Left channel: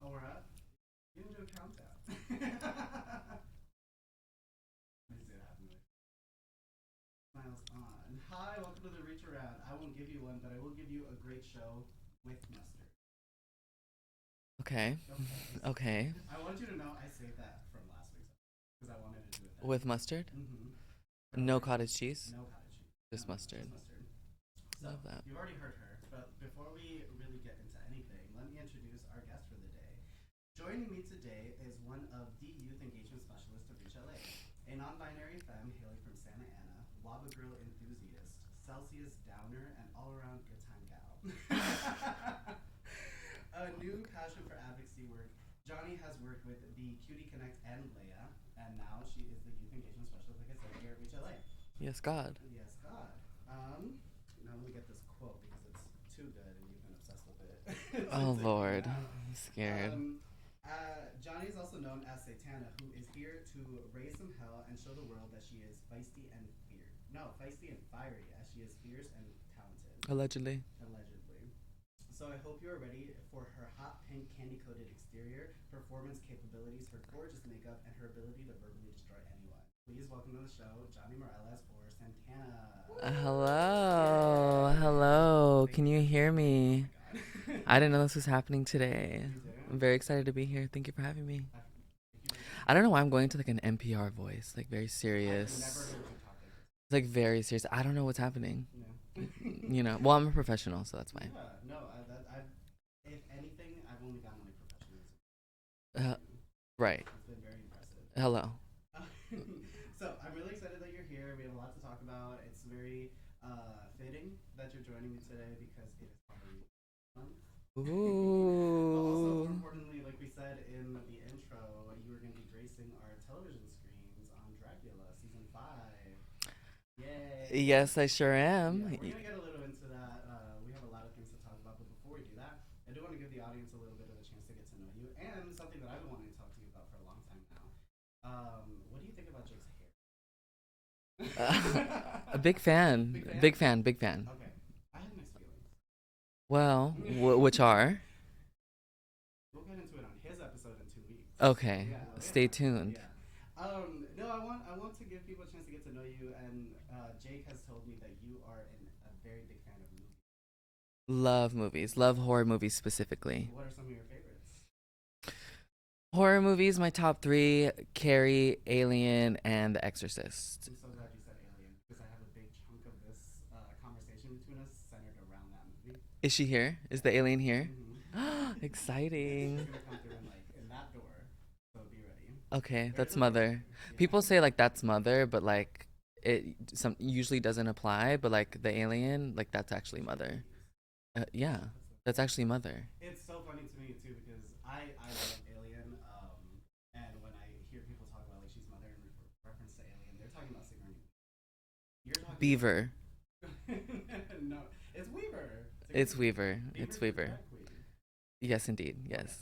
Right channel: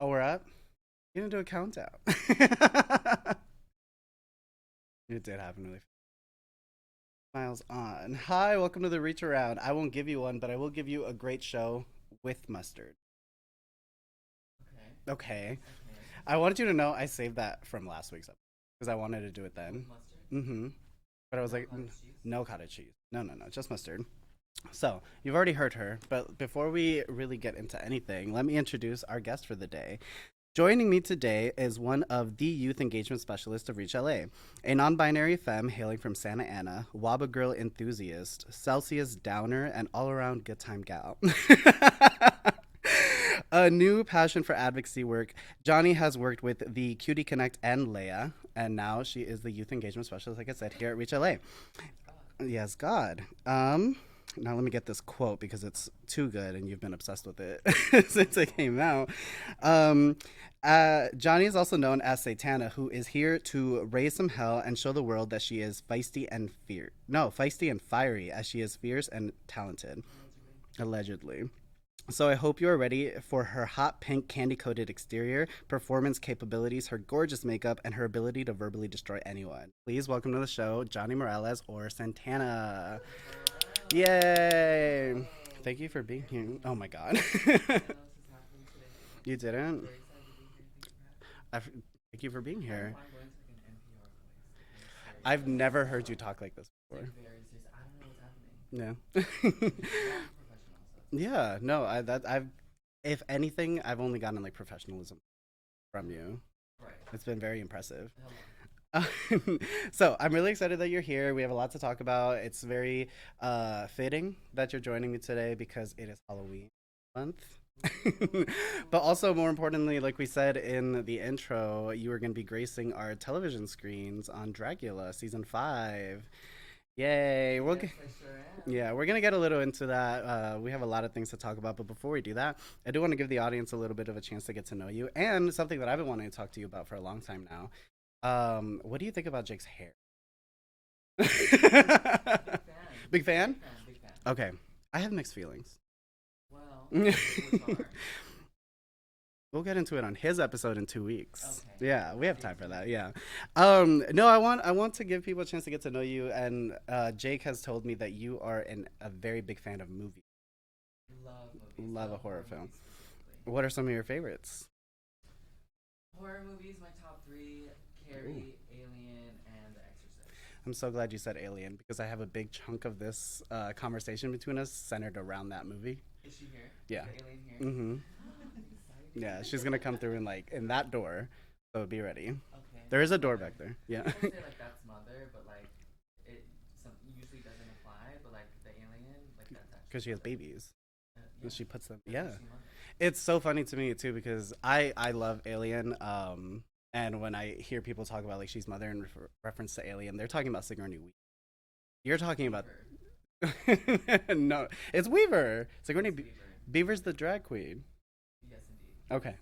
Oh, we're up? You didn't do a countdown. It did happen really fast. Miles on. Hi, welcome to the Reach Around. I won't give you one, but I will give you a great show with mustard. Okay. Okay. Okay. I wanted you to know I saved that from last week's episode because I wanted to do it then. With mustard? Mm-hmm. But I was No like, cottage cheese? no cottage cheese. Just No, mustard. just mustard. So, Love that. you've already heard her, but before we really get into anything, let me introduce our guest for the day. Joining me today is one of the youth engagement specialists of Reach LA, a non binary femme hailing from Santa Ana, Waba Girl enthusiast, Celsius downer, and all around good time gal. A new passion for advocacy work, Jonni has worked with the Cutie Connect and Leia, and now she is the youth engagement specialist, like I said, here at Reach LA. Yes, God. Yes, God. Now let me get this quote because it's too good and you've been obsessed with it since it came Lord. out. Scary. Jonni is also known as Satana, who is here to raise some hell and show the world that she is feisty and fiery, as she is fierce and talented, Allegedly. allegedly. So I hope you are ready for her hot pink candy-coated exterior, performance capabilities, her gorgeous makeup, and her ability to verbally destroy anyone. Please welcome to the show, Jonni Morales or Santana. Hello. Yay. Hello. Thank Can you for being hear here. me? Oh my god. I didn't know this was happening today. You didn't? I'm very excited to be here. Thank you for having me. Thank you for being here. I don't know why I'm going to like an NPR voice, like very serious. I've never heard you talk like this. Like very serious. I don't know what's happening. No. Well, I'm a professional, so that's fine. Yeah, no, I've if anything, I've only gotten like professionalism from you. Right. It's been very impressive. Hello. So I'm really excited that you're here. We have a lot to talk about. It's very fitting that you're joining me today because it is Halloween month. Ooh. But also, more importantly, like we said in the intro, you are going to be gracing our television screens on Dracula season 5. Yay! Yes, I sure am. Yeah, we're gonna get a little into that. We have a lot of things to talk about, but before we do that, I do want to give the audience a little bit of a chance to get to know you, and something that I've been wanting to talk to you about for a long time now. What do you think about Jake's hair? Big fan. Big fan? Big fan. Big fan. Okay, I have mixed feelings. Well, which are? We'll get into it on his episode in 2 weeks. Okay. Yeah, we have Stay time for that. tuned. Yeah. No, I want to give people a chance to get to know you, and Jake has told me that you are a very big fan of movies. Love movies. Love Love a horror horror movies specifically. What are some of your favorites? Horror movies, my top 3: Carrie, Alien, and The Exorcist. I'm so glad you said Alien because I have a big chunk of this conversation between us centered around that movie. Is she here? Yeah. Is the alien here? Mm-hmm. Exciting. Yeah, she's gonna come through in that door, so be ready. Okay. There is a door Mother. right there. Yeah. People say like that's Mother, but like it usually doesn't apply. But like the alien, like that's actually 'Cause she has Mother. babies. Yeah. She puts them. That's Yeah. actually Mother. It's so funny to me too because I love Alien. And when I hear people talk about like she's Mother in reference to Alien, they're talking about Sigourney Weaver. You're talking Beaver. about no, it's Weaver. Sigourney It's Weaver. Beaver's It's the Weaver. drag queen. Yes, indeed. Yes.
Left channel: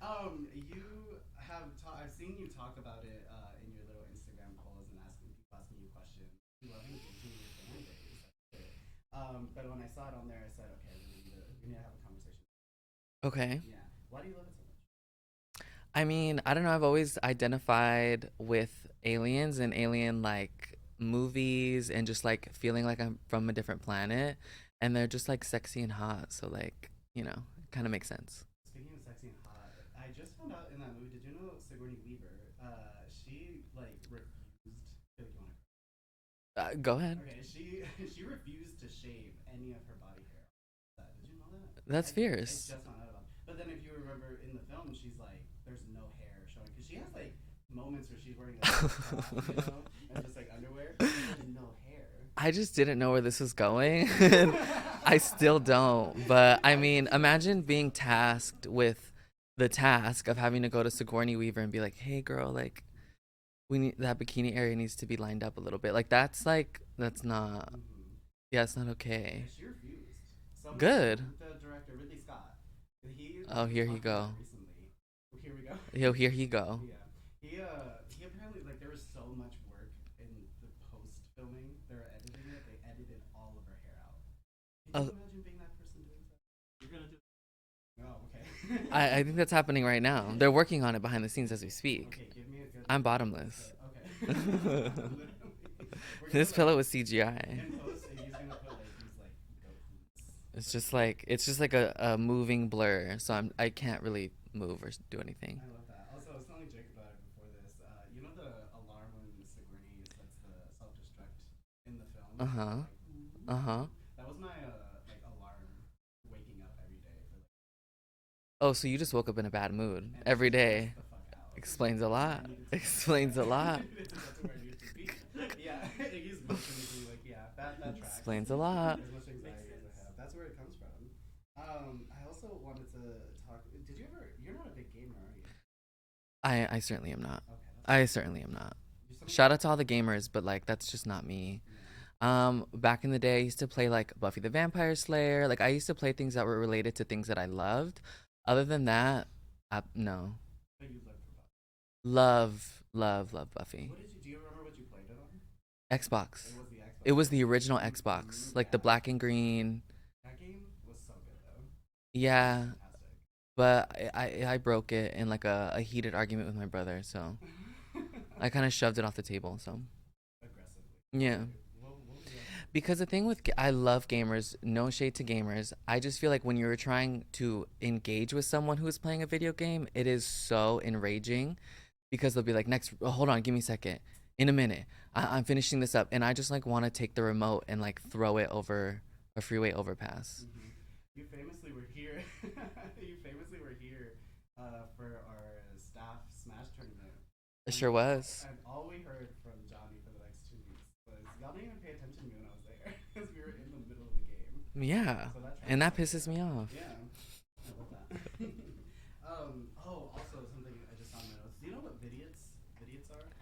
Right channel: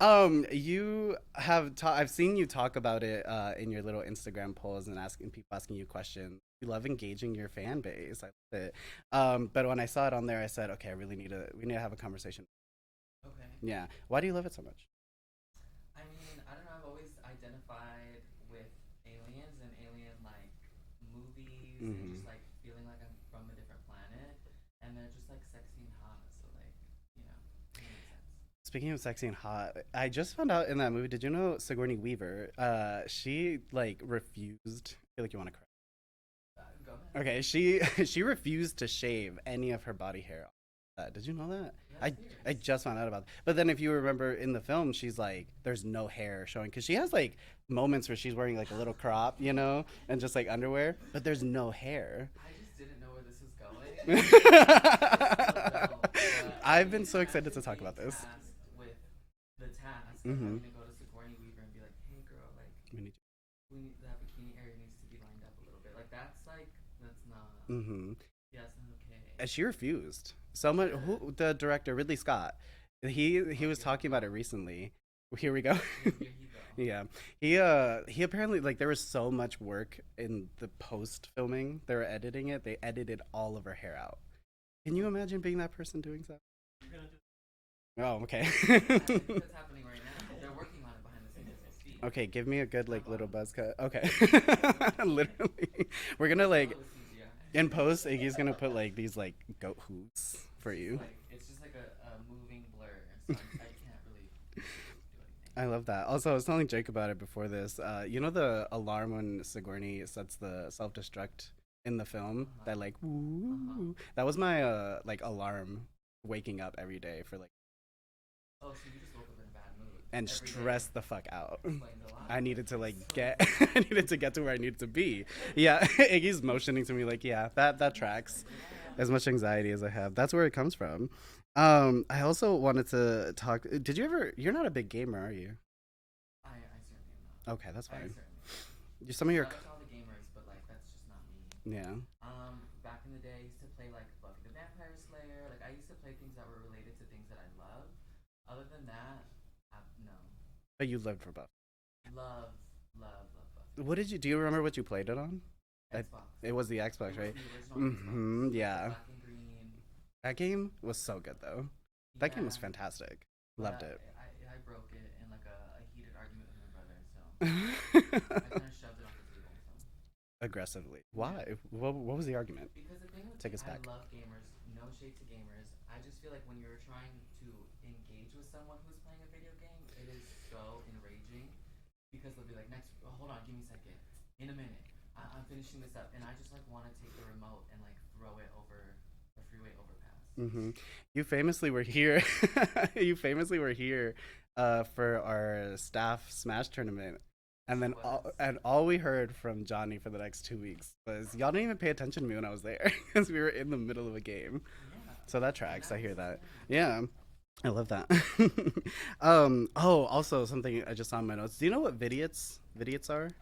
Okay. You have I've seen you talk about it in your little Instagram polls and asking you questions. You love engaging your fan base. I love it. But when I saw it on there, I said, okay, we need to have a conversation. Okay. Yeah. Why do you love it so much? I mean, I don't know. I've always identified with aliens and alien like movies and just like feeling like I'm from a different planet. And they're just like sexy and hot. So like, kind of makes sense. Speaking of sexy and hot, I just found out in that movie, did you know Sigourney Weaver, she like refused, I feel like you want to cry. Go ahead. Okay, she refused to shave any of her body hair off. Did you know that? That's fierce. I just found out about that. But then if you remember in the film, she's like, there's no hair showing. Because she has like moments where she's wearing like a little crop, and just like underwear. But there's no hair. I just didn't know where this was going. I still don't. But I I've mean, been so excited to imagine talk being about this. tasked with the task of Mhm. having to go to Sigourney Weaver and be like, hey, girl, like, we need that bikini area needs to be lined up a little bit. Like, that's not, Mm-hmm. yeah, it's not okay. And she refused. Someone, Good. the director, Ridley Scott, he was here you talking about it go. recently. Here we go. Yo, here he go. Yeah, he apparently like there was so much work in the post filming. They were editing it. They edited all of her hair out. Can you Oh. imagine being that person doing so? Oh, okay. I think that's happening right now. They're working on it behind the scenes as we speak. Okay, give me a good I'm like little bottomless. buzz cut. Okay. Literally. We're gonna This like pillow is CGI. in post Iggy's gonna put like these like goat hoots It's for just you. like a moving blur, so I can't really move or do anything. I love that. Also, I was telling Jake about it before this. You know the alarm when Sigourney sets the self destruct in the film? That Uh-huh. like woo, Uh-huh. that was my like alarm waking up every day for like Oh, so you just woke up in a bad mood and every stress day. the fuck out. Explains a lot. I needed to like Explains get, a I lot. needed to get to where I needed to be. Yeah, Iggy's motioning to me like, yeah, that tracks. Explains a lot. As much anxiety as I have, that's where it comes from. I also wanted to talk. Did you ever? You're not a big gamer, are you? I certainly am not. Okay, that's I fine. certainly am not. Some of your Shout out to all the gamers, but like that's just not me. yeah. Back in the day, I used to play like Buffy the Vampire Slayer. Like I used to play things that were related to things that I loved. Other than that, no. But you lived for Buff. Love Buffy. What did you? Do you remember what you played it on? Xbox. It was the Xbox. It was right? the original Mhm, Xbox, like the yeah. black and green. That game was so good though. That game Yeah, was fantastic. but Loved I broke it in like a heated argument with my brother, so it. I kind of shoved it off the table. So Aggressively. yeah. Why? What was the argument? Because the thing with Take us I back. love gamers, no shade to gamers. I just feel like when you're trying to engage with someone who is playing a video game, it is so enraging because they'll be like, "Next, hold on, give me a second. In a minute, I'm finishing this up," and I just like want to take the remote and like throw it over a freeway overpass. Hmm. You famously were here. You famously were here for our staff Smash tournament. It sure was. And all we heard from Jonni for the next 2 weeks was y'all didn't even pay attention to me when I was there because we were in the middle of a game. Yeah. So that tracks. And that I hear pisses me off. Yeah, I love that. Oh, also something I just saw in my notes. Do you know what vidiots are?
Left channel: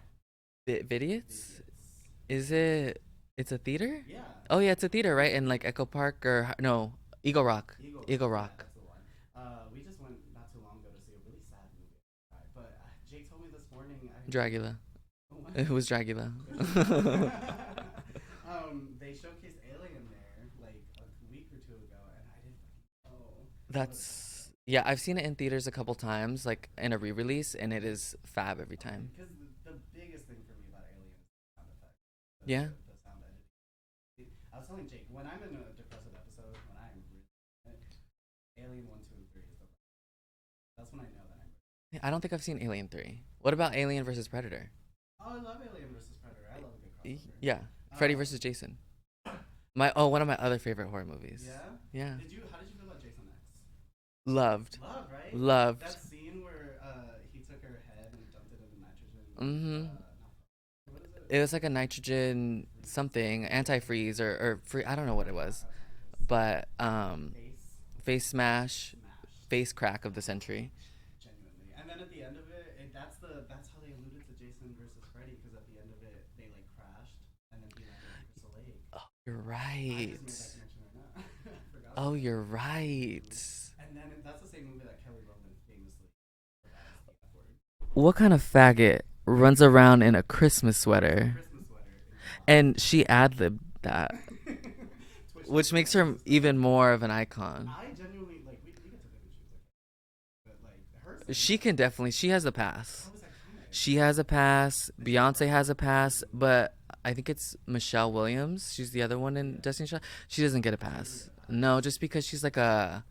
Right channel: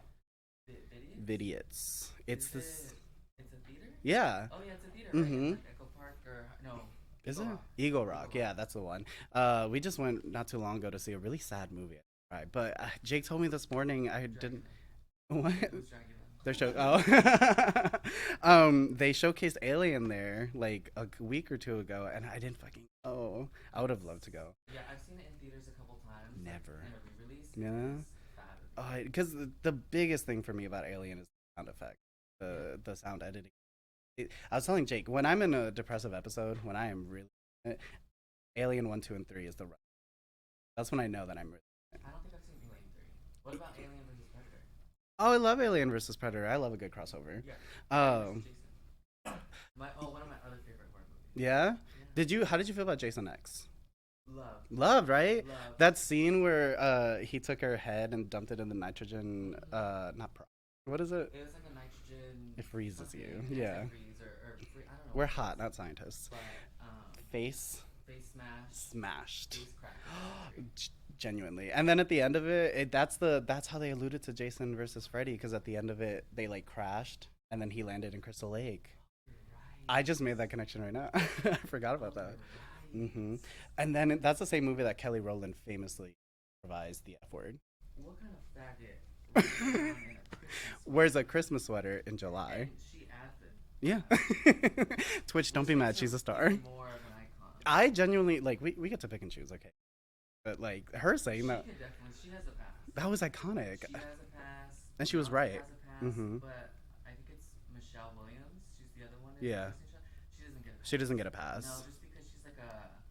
Vidiots? Vidiots. Is it? It's a theater? Yeah. Oh yeah, it's a theater, right? In Mhm. like Echo Park or no, Is Eagle it? Rock. Eagle Rock. Eagle Rock. Yeah, that's the one. We just went not too long ago to see a really sad movie. Right, but Jake told me this morning I Dragula. What? It was Dragula. They showcased Alien there like a week or two ago, and I didn't fucking know. I would have loved to go. Yeah, I've seen it in theaters a couple times, like Never. in a re-release, and it Yeah. is fab every time. Because the biggest thing for me about Alien is the sound effect, Yeah. the sound editing. I was telling Jake when I'm in a depressive episode, when I am really Alien 1, 2, and 3 is the right. That's when I know that I'm really. I don't think I've seen Alien 3. What about Alien versus Predator? Oh, I love Alien versus Predator. I love a good crossover. Yeah. Freddy Um, versus Jason. One of my other favorite horror movies. Yeah. Yeah. How did you feel about Jason X? Loved. Loved, right? Loved. That scene where he took her head and dumped it in the nitrogen. Mhm. Not what is it? It was like a nitrogen It freezes something, you. antifreeze or free. I don't know We're what it hot, was. not scientists. But face smash, Smashed. face crack of the century. Genuinely. And then at the end of it, that's how they alluded to Jason versus Freddy, because at the end of it they like crashed and then he landed in Crystal Lake. Oh, you're right. I just made that connection right now. I forgot about Oh, that. you're right. And then that's the same movie that Kelly Rowland famously improvised the F word. What kind of faggot runs around in a Christmas sweater? Wears a Christmas sweater in July. And she ad-libbed yeah. that, Twitch, which makes her even more of an icon. I genuinely like we get to pick and choose, okay. But like her saying She can definitely. She has a pass. that was iconic. She has a pass. And she was Beyonce right. has a pass, Mhm. but I think it's Michelle Williams. She's the other one in Yeah. Destiny Child. She doesn't get a pass. She doesn't get a pass. No, just because she's like a.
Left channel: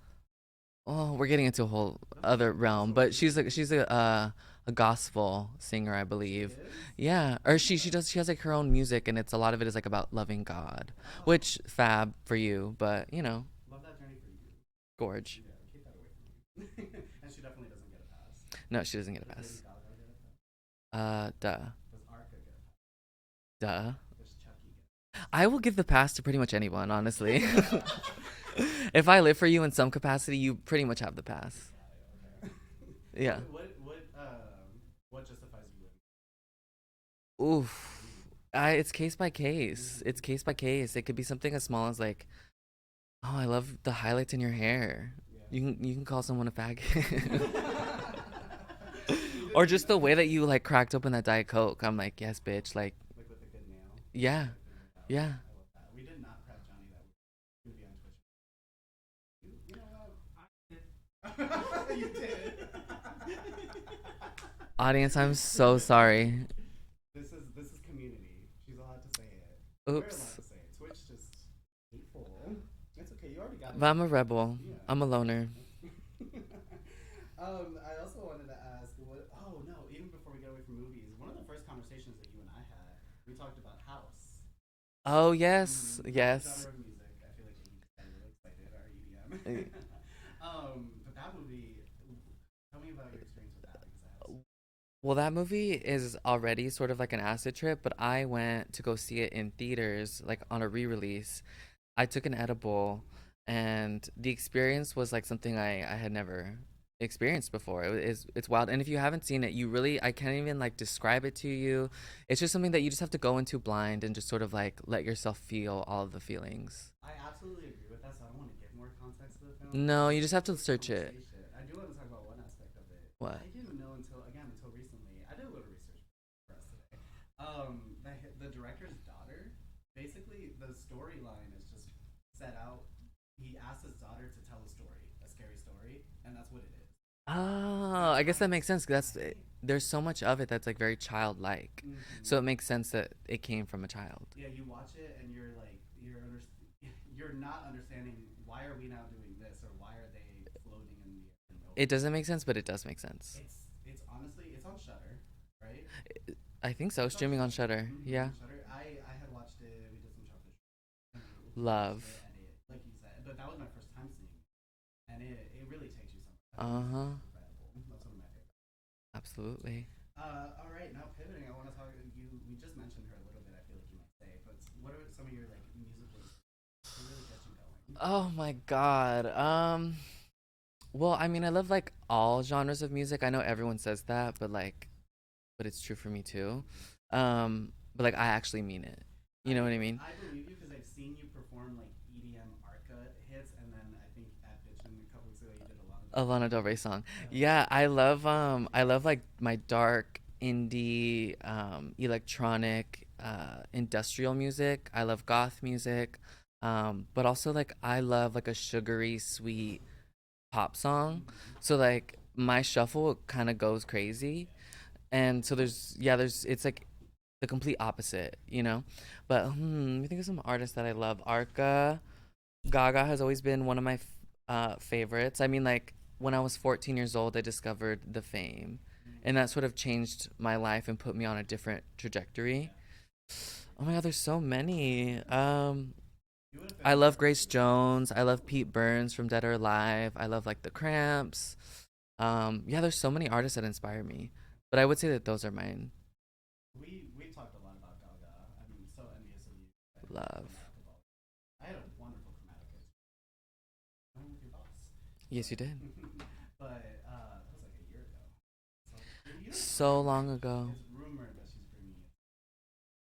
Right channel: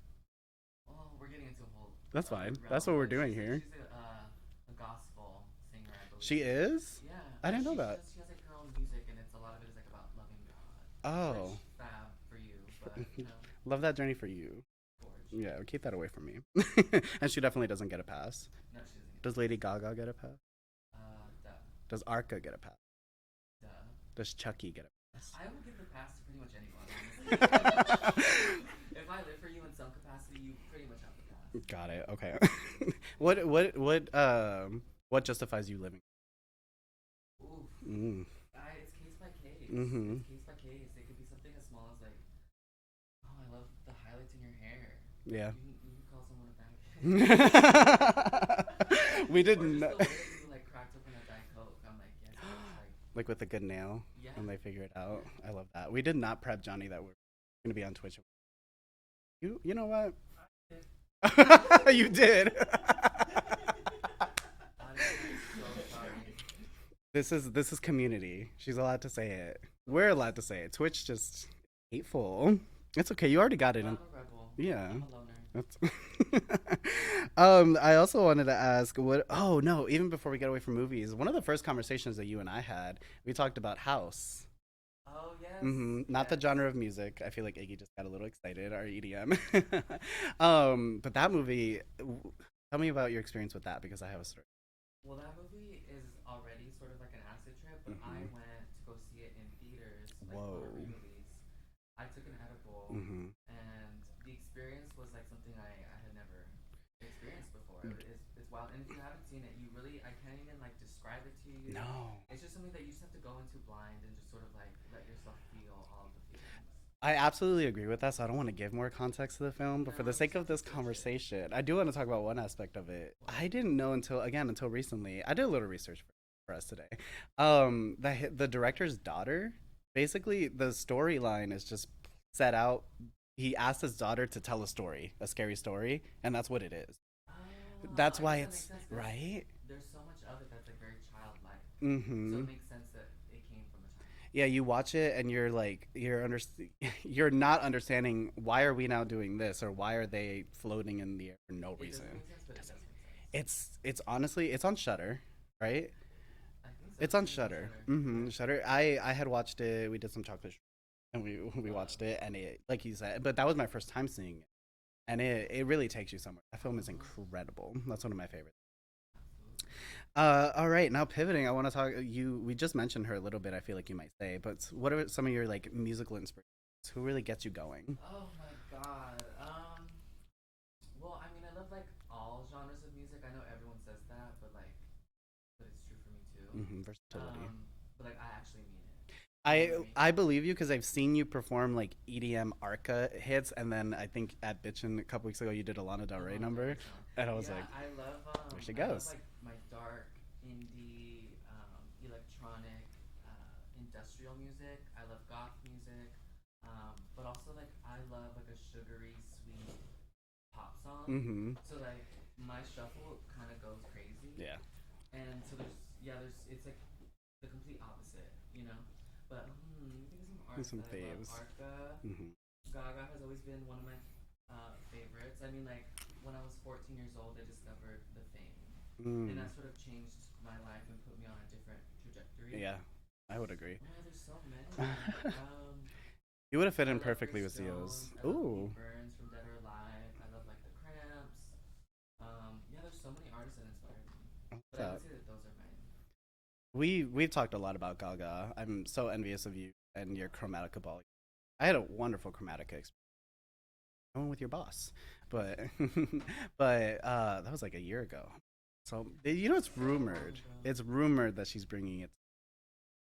Oh, we're getting into a whole That's other fine. That's realm, what we're but she's doing like here. she's a gospel singer, I believe. She is? Yeah, I or didn't know that. she has like her own music, and it's a lot of it is like about loving God, Oh. which fab for you, but you know, Love that journey for you. gorge. Yeah, keep that away from me. And she definitely doesn't get a pass. No, she doesn't get a Does pass. Lady Gaga get a pass? Duh, Does Arca get a pass? duh. Does Chucky get a I will give the pass to pretty much anyone, honestly. If I live for you in some capacity, you pretty much have the pass. Got it. Okay. Yeah. What justifies you living? Oof. Mm. It's case by case. Mhm. It's case by case. It could be something as small as like, oh, I love the highlights in your hair. Yeah. You can call someone a faggot. We did Or just the way that you like cracked open that Diet Coke. I'm like, yes, bitch. Like, like with a good nail. yeah. And they figure it out. Yeah. I love that. We did not prep Jonni that we're gonna be on Twitch. You know what? You did. Audience, I'm so sorry. This is community. She's allowed to say it. We're allowed Oops. to say it. Twitch just hateful. It's okay. You already got it But in. I'm a rebel. Yeah. I'm a loner. That's I also wanted to ask what. Oh no! Even before we get away from movies, one of the first conversations that you and I had, we talked about house. Oh, yes. Not the Yes. genre of music. I feel like Iggy just got a little excited. Our EDM. Mm. But that movie. Tell me about your experience with that because I have a story. Well, that movie is already sort of like an acid trip, but I Mhm. went to go see it in theaters, like on a Whoa. re-release. I took an edible, Hmm. and the experience was like something I had never experienced before. It's wild. And if you haven't seen it, you really I can't even like describe it to you. No. It's just something that you just have to go into blind and just sort of like let yourself feel all of the feelings. I absolutely agree with that, so I don't want to give more context to the film. For No, the you just sake have of to this search it. conversation, I do want to talk about one aspect of it. What? I didn't know until recently. I did a little research for us today. The director's daughter, basically, the storyline is just set out. He asked his daughter to tell a story, a scary story, and that's what it is. Oh, That's I why guess that makes it's sense. 'Cause that's right. there's so much of it that's like very childlike, so it Mm-hmm. makes sense that it came from a child. Yeah, you watch it and you're like you're not understanding why are we now doing this or why are they floating in the air for no It doesn't reason. make sense, but it does make sense. It's honestly it's on Shutter, right? I think so. It's on Streaming on Shutter. Shutter. Mm-hmm. Yeah. Shutter. I had watched it. We did some chocolate and we Love. watched it and it like you said, but that was my first time seeing it and it really takes you somewhere. That film is Uh-huh. incredible. That's one of my favorites. Absolutely. All right, now pivoting, I want to talk. We just mentioned her a little bit. I feel like you might say, but what are some of your like musical inspirations? Who really gets you going? Oh my God. Well, I mean, I love like all genres of music. I know everyone says that, but it's true for me too. Versatility. But like I actually mean it. You know what I mean? I believe you because I've seen you perform like EDM Arca hits, and then I think at Bitchin a couple weeks ago you did a Lana Del A Rey Lana Del number, Rey song. and I was Yeah, like, she I love goes. like my dark indie electronic industrial music. I love goth music. But also like I love like a sugary sweet pop song. Mm-hmm. So like my shuffle kind of goes crazy. Yeah. And so there's it's like the complete opposite, you know? But let me think of some There's artists some that I love. things. Arca, Mm-hmm. Gaga has always been one of my favorites. I mean, like when I was 14 years old, I discovered the Fame, and Mm. that sort of changed my life and put me on a different trajectory. Yeah, I would agree. Oh my God, there's so many. You would have fit I in love perfectly Grace with some of those. Jones. I love Ooh. Pete Burns from Dead or Alive. I love like the Cramps. Yeah, there's so many artists that inspire me, but I Uh, would say that those are mine. we've talked a lot about Gaga. I'm so envious of you and your Love. Chromatica ball. I had a wonderful Chromatica experience. I went with your boss, Yes, but you did. that was like a year ago. So it's So long rumored. ago. It's rumored that she's bringing it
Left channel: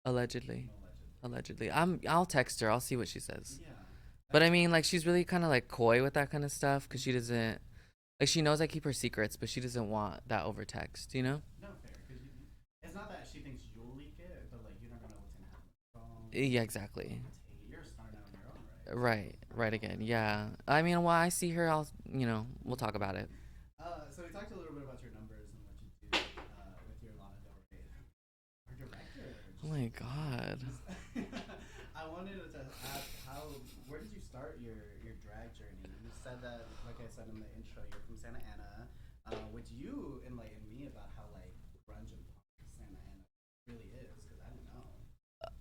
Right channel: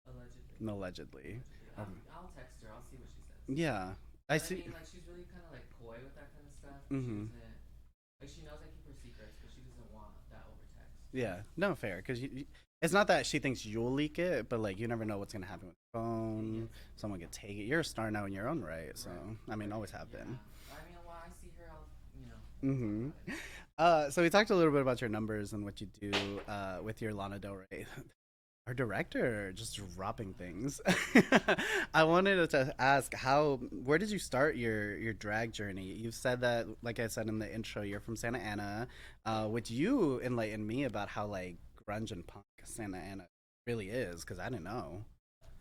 Allegedly. allegedly. Allegedly. I'll text her. I'll see what she says. Yeah, But I see. mean, like, she's really kind of like coy with that kind of stuff because she Hmm. doesn't, like, she knows I keep her secrets, but she doesn't want that over text, you Yeah, know? no fair because it's not that she thinks you'll leak it, but like you never know what's gonna happen with the Yeah, phone. exactly. Someone could take it. You're a star now in your own right. So, Right. I mean, Right always again. happen. Yeah. I mean, while I see her, we'll talk Hmm. about it. So we talked a little bit about your numbers and what you do with your Lana Del Rey. Our director Oh just my dropping God. things. I wanted to ask where did you start your drag journey? You said that, like I said in the intro, you're from Santa Ana. Would you enlighten me about how like grunge and punk Santa Ana really is? Because I didn't know.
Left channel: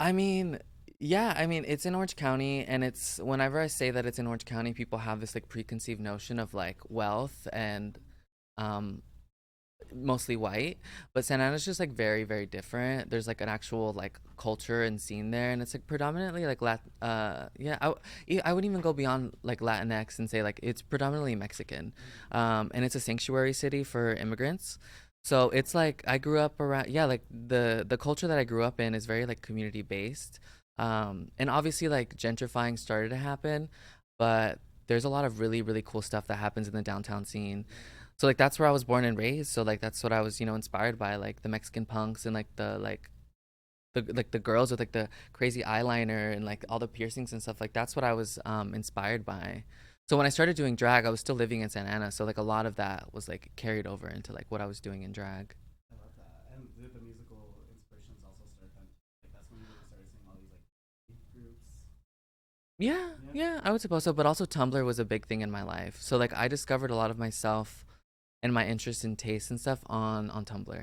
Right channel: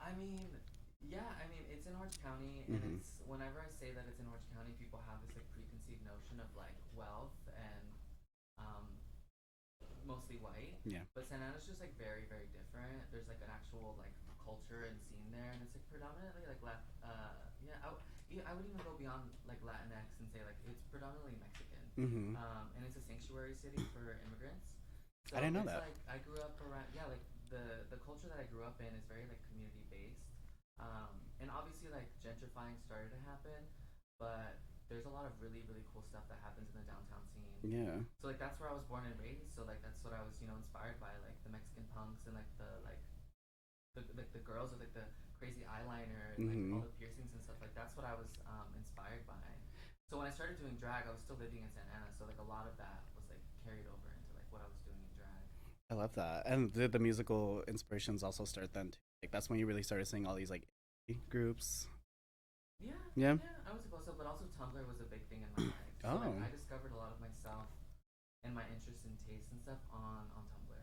I mean, yeah, I mean, it's in Orange County, and Hmm. it's whenever I say that it's in Orange County, people have this like preconceived notion of like wealth and um mostly white, Yeah. but Santa Ana's just like very very different. There's like an actual like culture and scene there, and it's like predominantly like yeah, I would even go beyond like Latinx and say like it's predominantly Mexican, Hmm. and it's a sanctuary city for immigrants. I So didn't know it's that. like I grew up around, yeah, like the culture that I grew up in is very like community based, and obviously like gentrifying started to happen, but there's a lot of really really cool stuff that happens in the downtown scene. Yeah. So like that's where I was born and raised. So like that's what I was, inspired by, like the Mexican punks and like the girls with like the crazy eyeliner and like Hmm. all the piercings and stuff. Like that's what I was inspired by. So when I started doing drag, I was still living in Santa Ana, so like a lot of that was like carried over into like what I was doing in drag. I love that. And did the musical inspirations also start then too? Like that's when you really started seeing all these like groups. Yeah, Yeah. yeah, I would suppose so. But also Tumblr was a big thing in my life. So like Oh, I discovered a lot of myself and my interest in taste and stuff on Tumblr.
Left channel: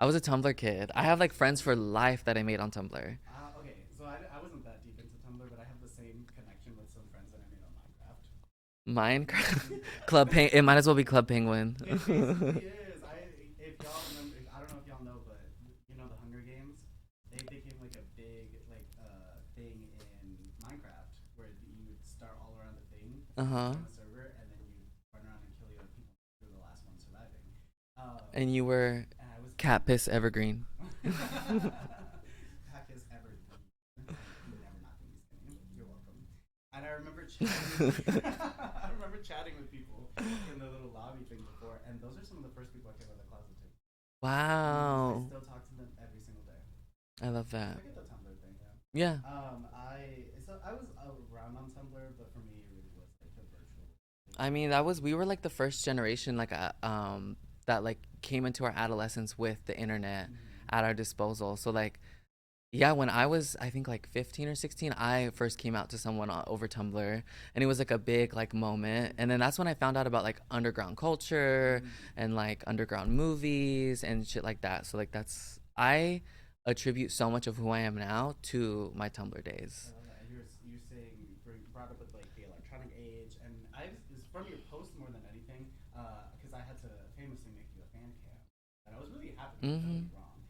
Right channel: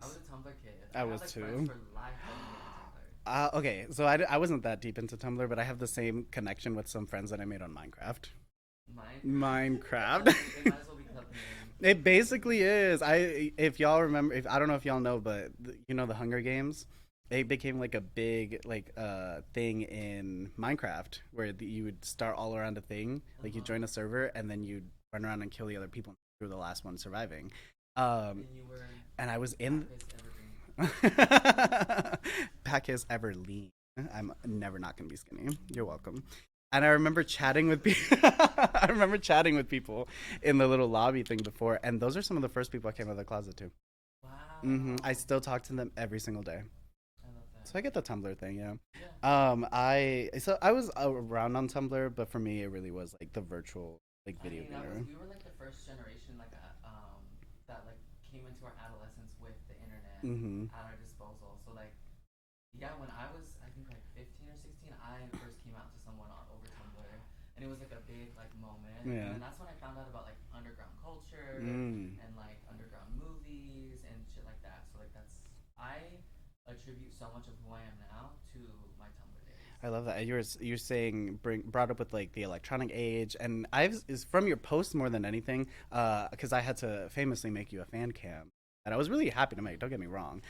I was nice. a Tumblr kid. I I have was like friends too. for life that I made on Tumblr. Okay, so I wasn't that deep into Tumblr, but I have the same connection with some friends that I made on Minecraft. Minecraft, Minecraft. It might as well be Club Penguin. It basically is. If y'all remember, I don't know if y'all know, but you know the Hunger Games. They became like a big like thing in Minecraft where you would start all around a thing, Uh like you huh. join a server and then you'd run around and kill the other people through the last one surviving. And you were And I was Cat in Piss Evergreen. Pack is ever lean. I'm never not gonna be skinny. You're welcome. And I remember chatting with I remember chatting with people in the little lobby thing before, and those are some of the first people I came out of the closet to. I Wow. still talk to them every single day. I love So that. I get the Tumblr thing, yeah. Yeah. I was around on Tumblr, but for me it really was like the virtual like I dating mean, that was era. we were like the first generation that like came into our adolescence with the internet Mm-hmm. at our disposal. So like yeah, when I was I think like 15 or 16, I first came out to someone over Tumblr and it was like a big like moment. Yeah. And then that's when I found out about like underground culture Mm. and like underground movies and shit like that. So like that's I attribute so much of who I am now to my Tumblr days. I love that. You're saying brought up with like the electronic age, and I've is from your post more than anything, because I had to famously make you a fan cam, and I was really happy to make. Don't get me Mhm. wrong,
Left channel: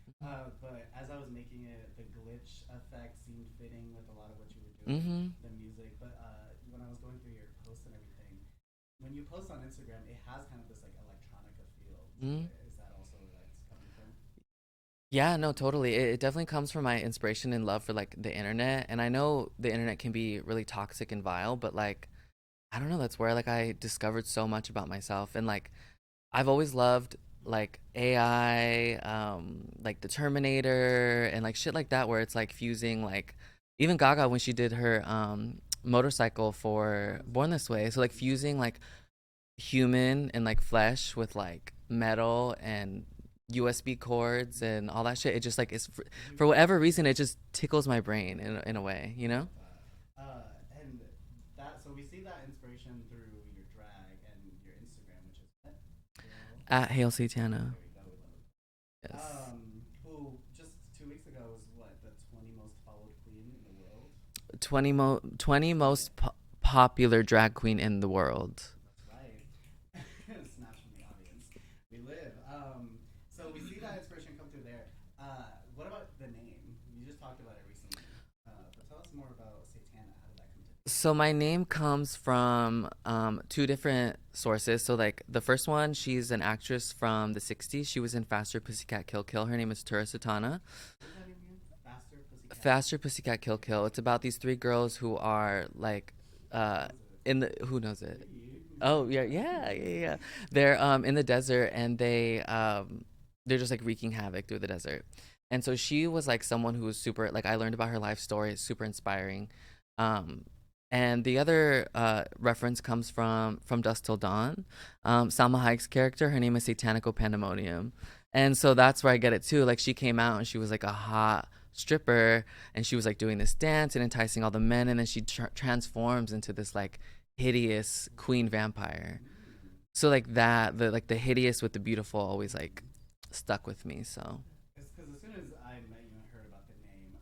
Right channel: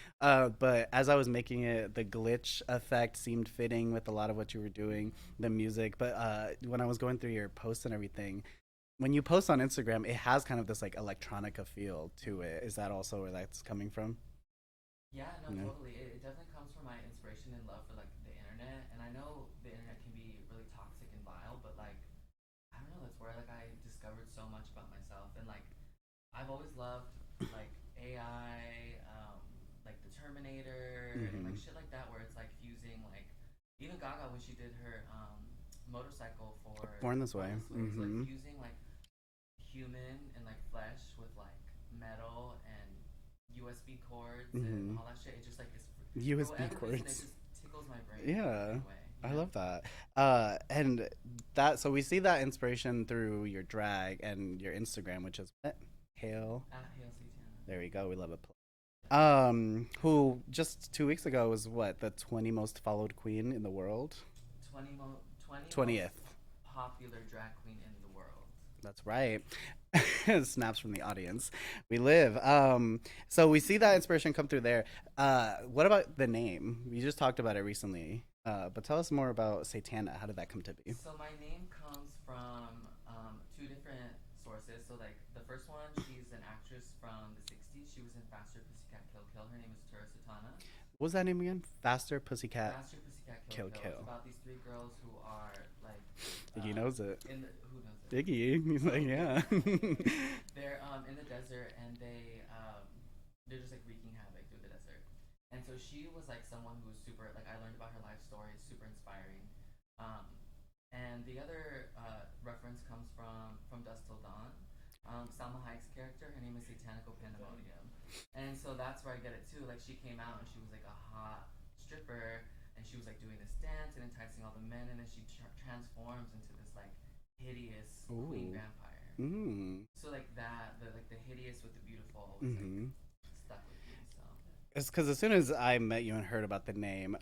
but as I was making it, the glitch effect seemed fitting with a lot of what you were doing, Mhm. the music. But when I was going through your posts and everything, when you post on Instagram, it has kind of this like electronica feel to Mhm. it. Is that also where that's coming from? Yeah, no, Mm. totally. It definitely comes from my inspiration and love for like the internet. And I know the internet can be really toxic and vile, but like I don't know, that's where like I discovered so much about myself. And like I've always loved like AI, like the Terminator and like Mm-hmm. shit like that where it's like fusing like even Gaga when she did her motorcycle Born for this Born way. This Way. So like Mm-hmm. fusing like human and like flesh with like metal and USB cords and Mm-hmm. all that shit. It just like is for USB whatever reason it ports. just tickles my brain in Yeah, a way, you I know? love that. And that so we see that inspiration through your drag and your Instagram, which is what? Hale. At Hail Satana. There we go. We love it. Yes. Who just 2 weeks ago was what the 20 most followed queen in the world. 20 most 20th. popular drag queen in the world. That's right. Snaps from the audience. We live. So we see that inspiration come through there. What about the name? You just talked about it recently. But tell us more about Satana. How did that come to be? So my name comes from two different sources. So like the first one, she's an actress from the 60s. She was in Faster Pussycat Kill Kill. Her name is Tura Satana. What was that name again? Faster Pussycat. Faster Pussycat Kill Kill Kill. It's Kill. about these three girls who are like Iggy knows it. in the who knows it? Iggy. He's Oh like, yeah, yeah, yeah, yeah. They're in the desert and they're just like wreaking havoc through the desert. And so she was like someone who was super like I learned about her life story, it's super inspiring. Um and the other reference comes from Dusk Till Dawn. Salma Hayek's character, her name is Satanico Pandemonium. And so that's where I get it too. Like she came out and she was like a hot stripper and she was like doing this dance and enticing all the men and then she transforms into this like hideous queen Ooh. vampire. Mm. So like that, the hideous with the beautiful always like Mm-hmm. stuck with me. So It's because as soon as I met you and heard about the name,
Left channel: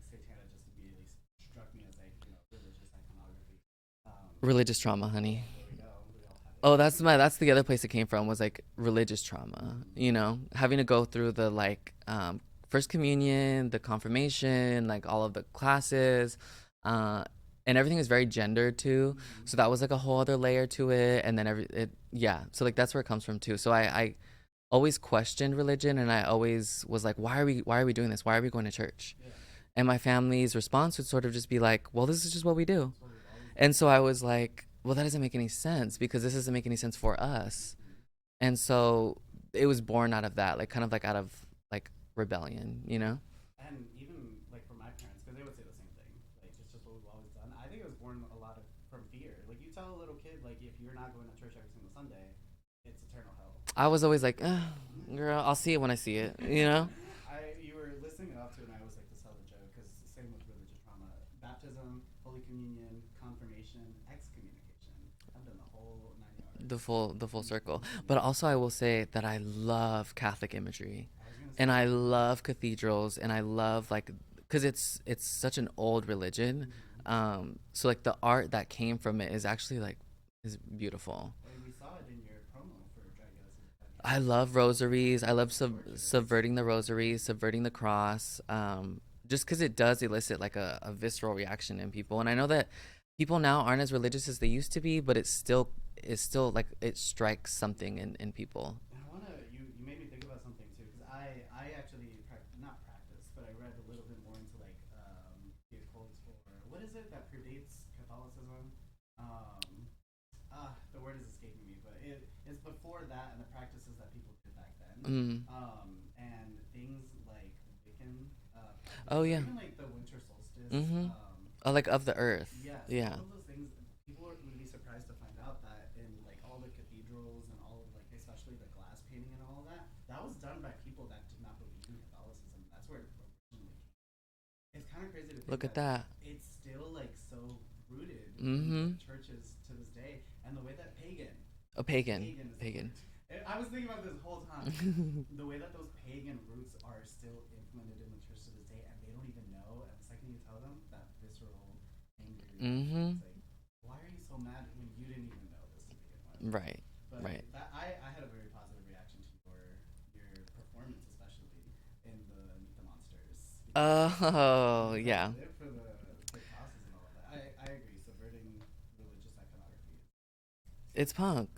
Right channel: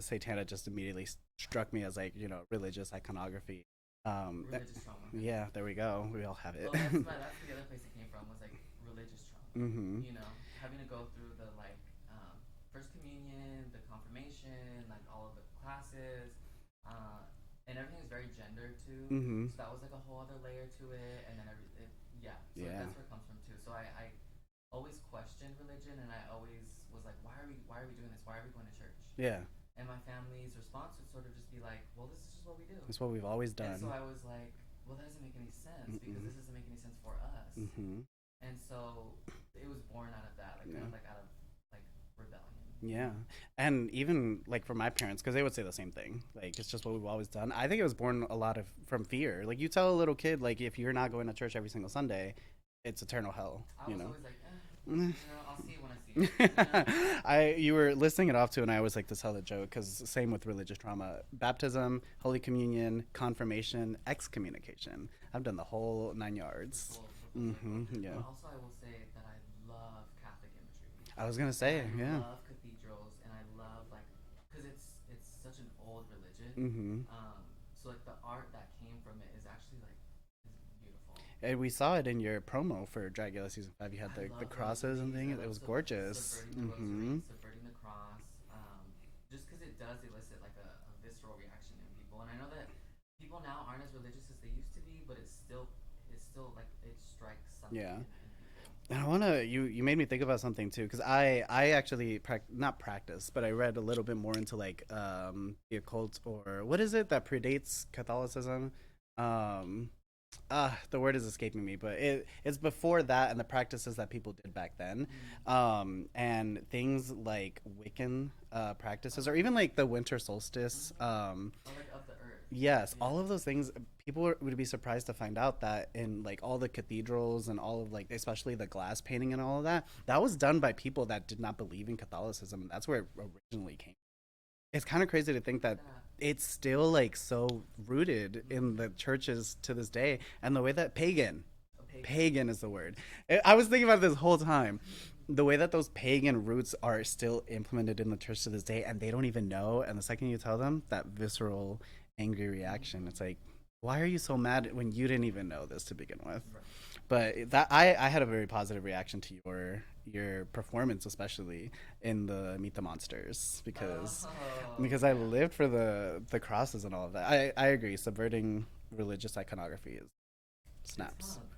Satana just immediately struck me as like religious iconography. Like, religious trauma, honey. yeah, there we go. We all have it. Oh, that's the other place it came from was like religious trauma. Mm-hmm. You know, having to go through the like first communion, the confirmation, like all of the classes, and everything is very gendered too. Mm-hmm. So that was like a whole other layer to it, and then yeah. So like Yeah. that's where it comes from too. So I always questioned religion, and I always was like, why are we doing this? Why are we going to church? Yeah. And my family's response would sort of just be like, well, this is just what we do. That's what we've always done. And so I was like, well, that doesn't make any sense because this doesn't make any sense for us. Mm-hmm. And so it was born out of that, like kind of like out of like rebellion, you know? And even like for my parents, because they would say the same thing. Like it's just what we've always done. I think it was born a lot of from fear. Like you tell a little kid, like if you're not going to church every single Sunday, it's eternal hell. I You was know. always like, girl, I'll see it when I see it, you know? I you were listing it off too, and I always like to tell the joke because same with religious trauma: baptism, Holy Communion, confirmation, excommunication. I've done the whole 9 yards. The full circle. Yeah. But also I will say that I love Catholic imagery. I was gonna say, And I yeah. love cathedrals, and I love like because it's such an old religion. So like the art that came from it is actually like is beautiful. And we saw it in your promo for Dragula season 5. You had I the love crosses and rosaries. I things. It love was gorgeous. subverting the Hmm. rosaries, subverting the cross. Just because it does elicit like a visceral reaction in people, and I know that people now aren't as religious as they used to be, but it's still like it strikes something Yeah. in people. And I wanna you made me think about something too because I actually not practice but I read a little bit more into like the occult or what is it that predates Catholicism. um the word is escaping me, but it's before that and the practices that people did back then. Mm. And things like Wiccan Oh practices or yeah. even like the winter solstice. Mm-hmm. Oh, like of the earth. Yes, Yeah. all of those things. People would be surprised to find out that in like all the cathedrals and all of like, especially the glass painting and all of that, that was done by people that did not believe in Catholicism. That's where it originally came. It's kind of crazy to think Look at that that. it's still like so rooted in the Mm-hmm. churches to this day, and the way that A pagan. pagan is the Pagan. word. I was thinking about this whole time. The way that those pagan roots are still implemented in the church to this day, and they don't even know. And the second you tell them, that visceral, angry reaction, Mm-hmm. it's like, why are you so mad when you didn't even know this to begin with? Right. Right. But that I had a very positive reaction to your performance, especially in the Meet the Monsters, Oh because I yeah. lived for the crosses and all of that. I agree. Subverting religious iconography is It's snaps. punk.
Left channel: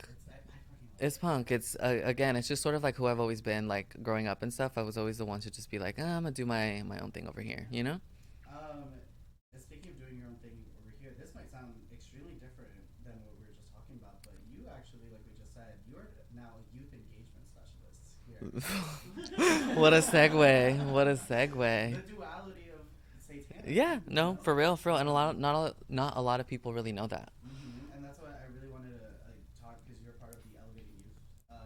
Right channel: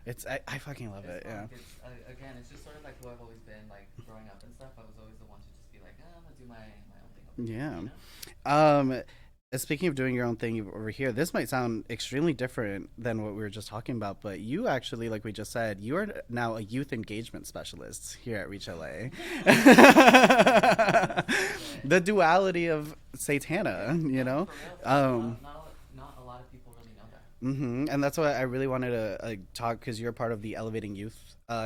I fucking love It's it. punk. It's again, it's just sort of like who I've always been. Like growing up and stuff, I was always the one to just be like, I'm gonna do my own thing over here. Yeah. You know? Yeah. Speaking of doing your own thing over here, this might sound extremely different than what we were just talking about, but you actually, like we just said, you are now a youth engagement specialist here at Reach LA. What a segue. What a segue. The duality of Satana. Yeah. You No, know? for real. For real. And not a lot of people really know that. And that's why I really wanted to talk because you're part of the Elevating Youth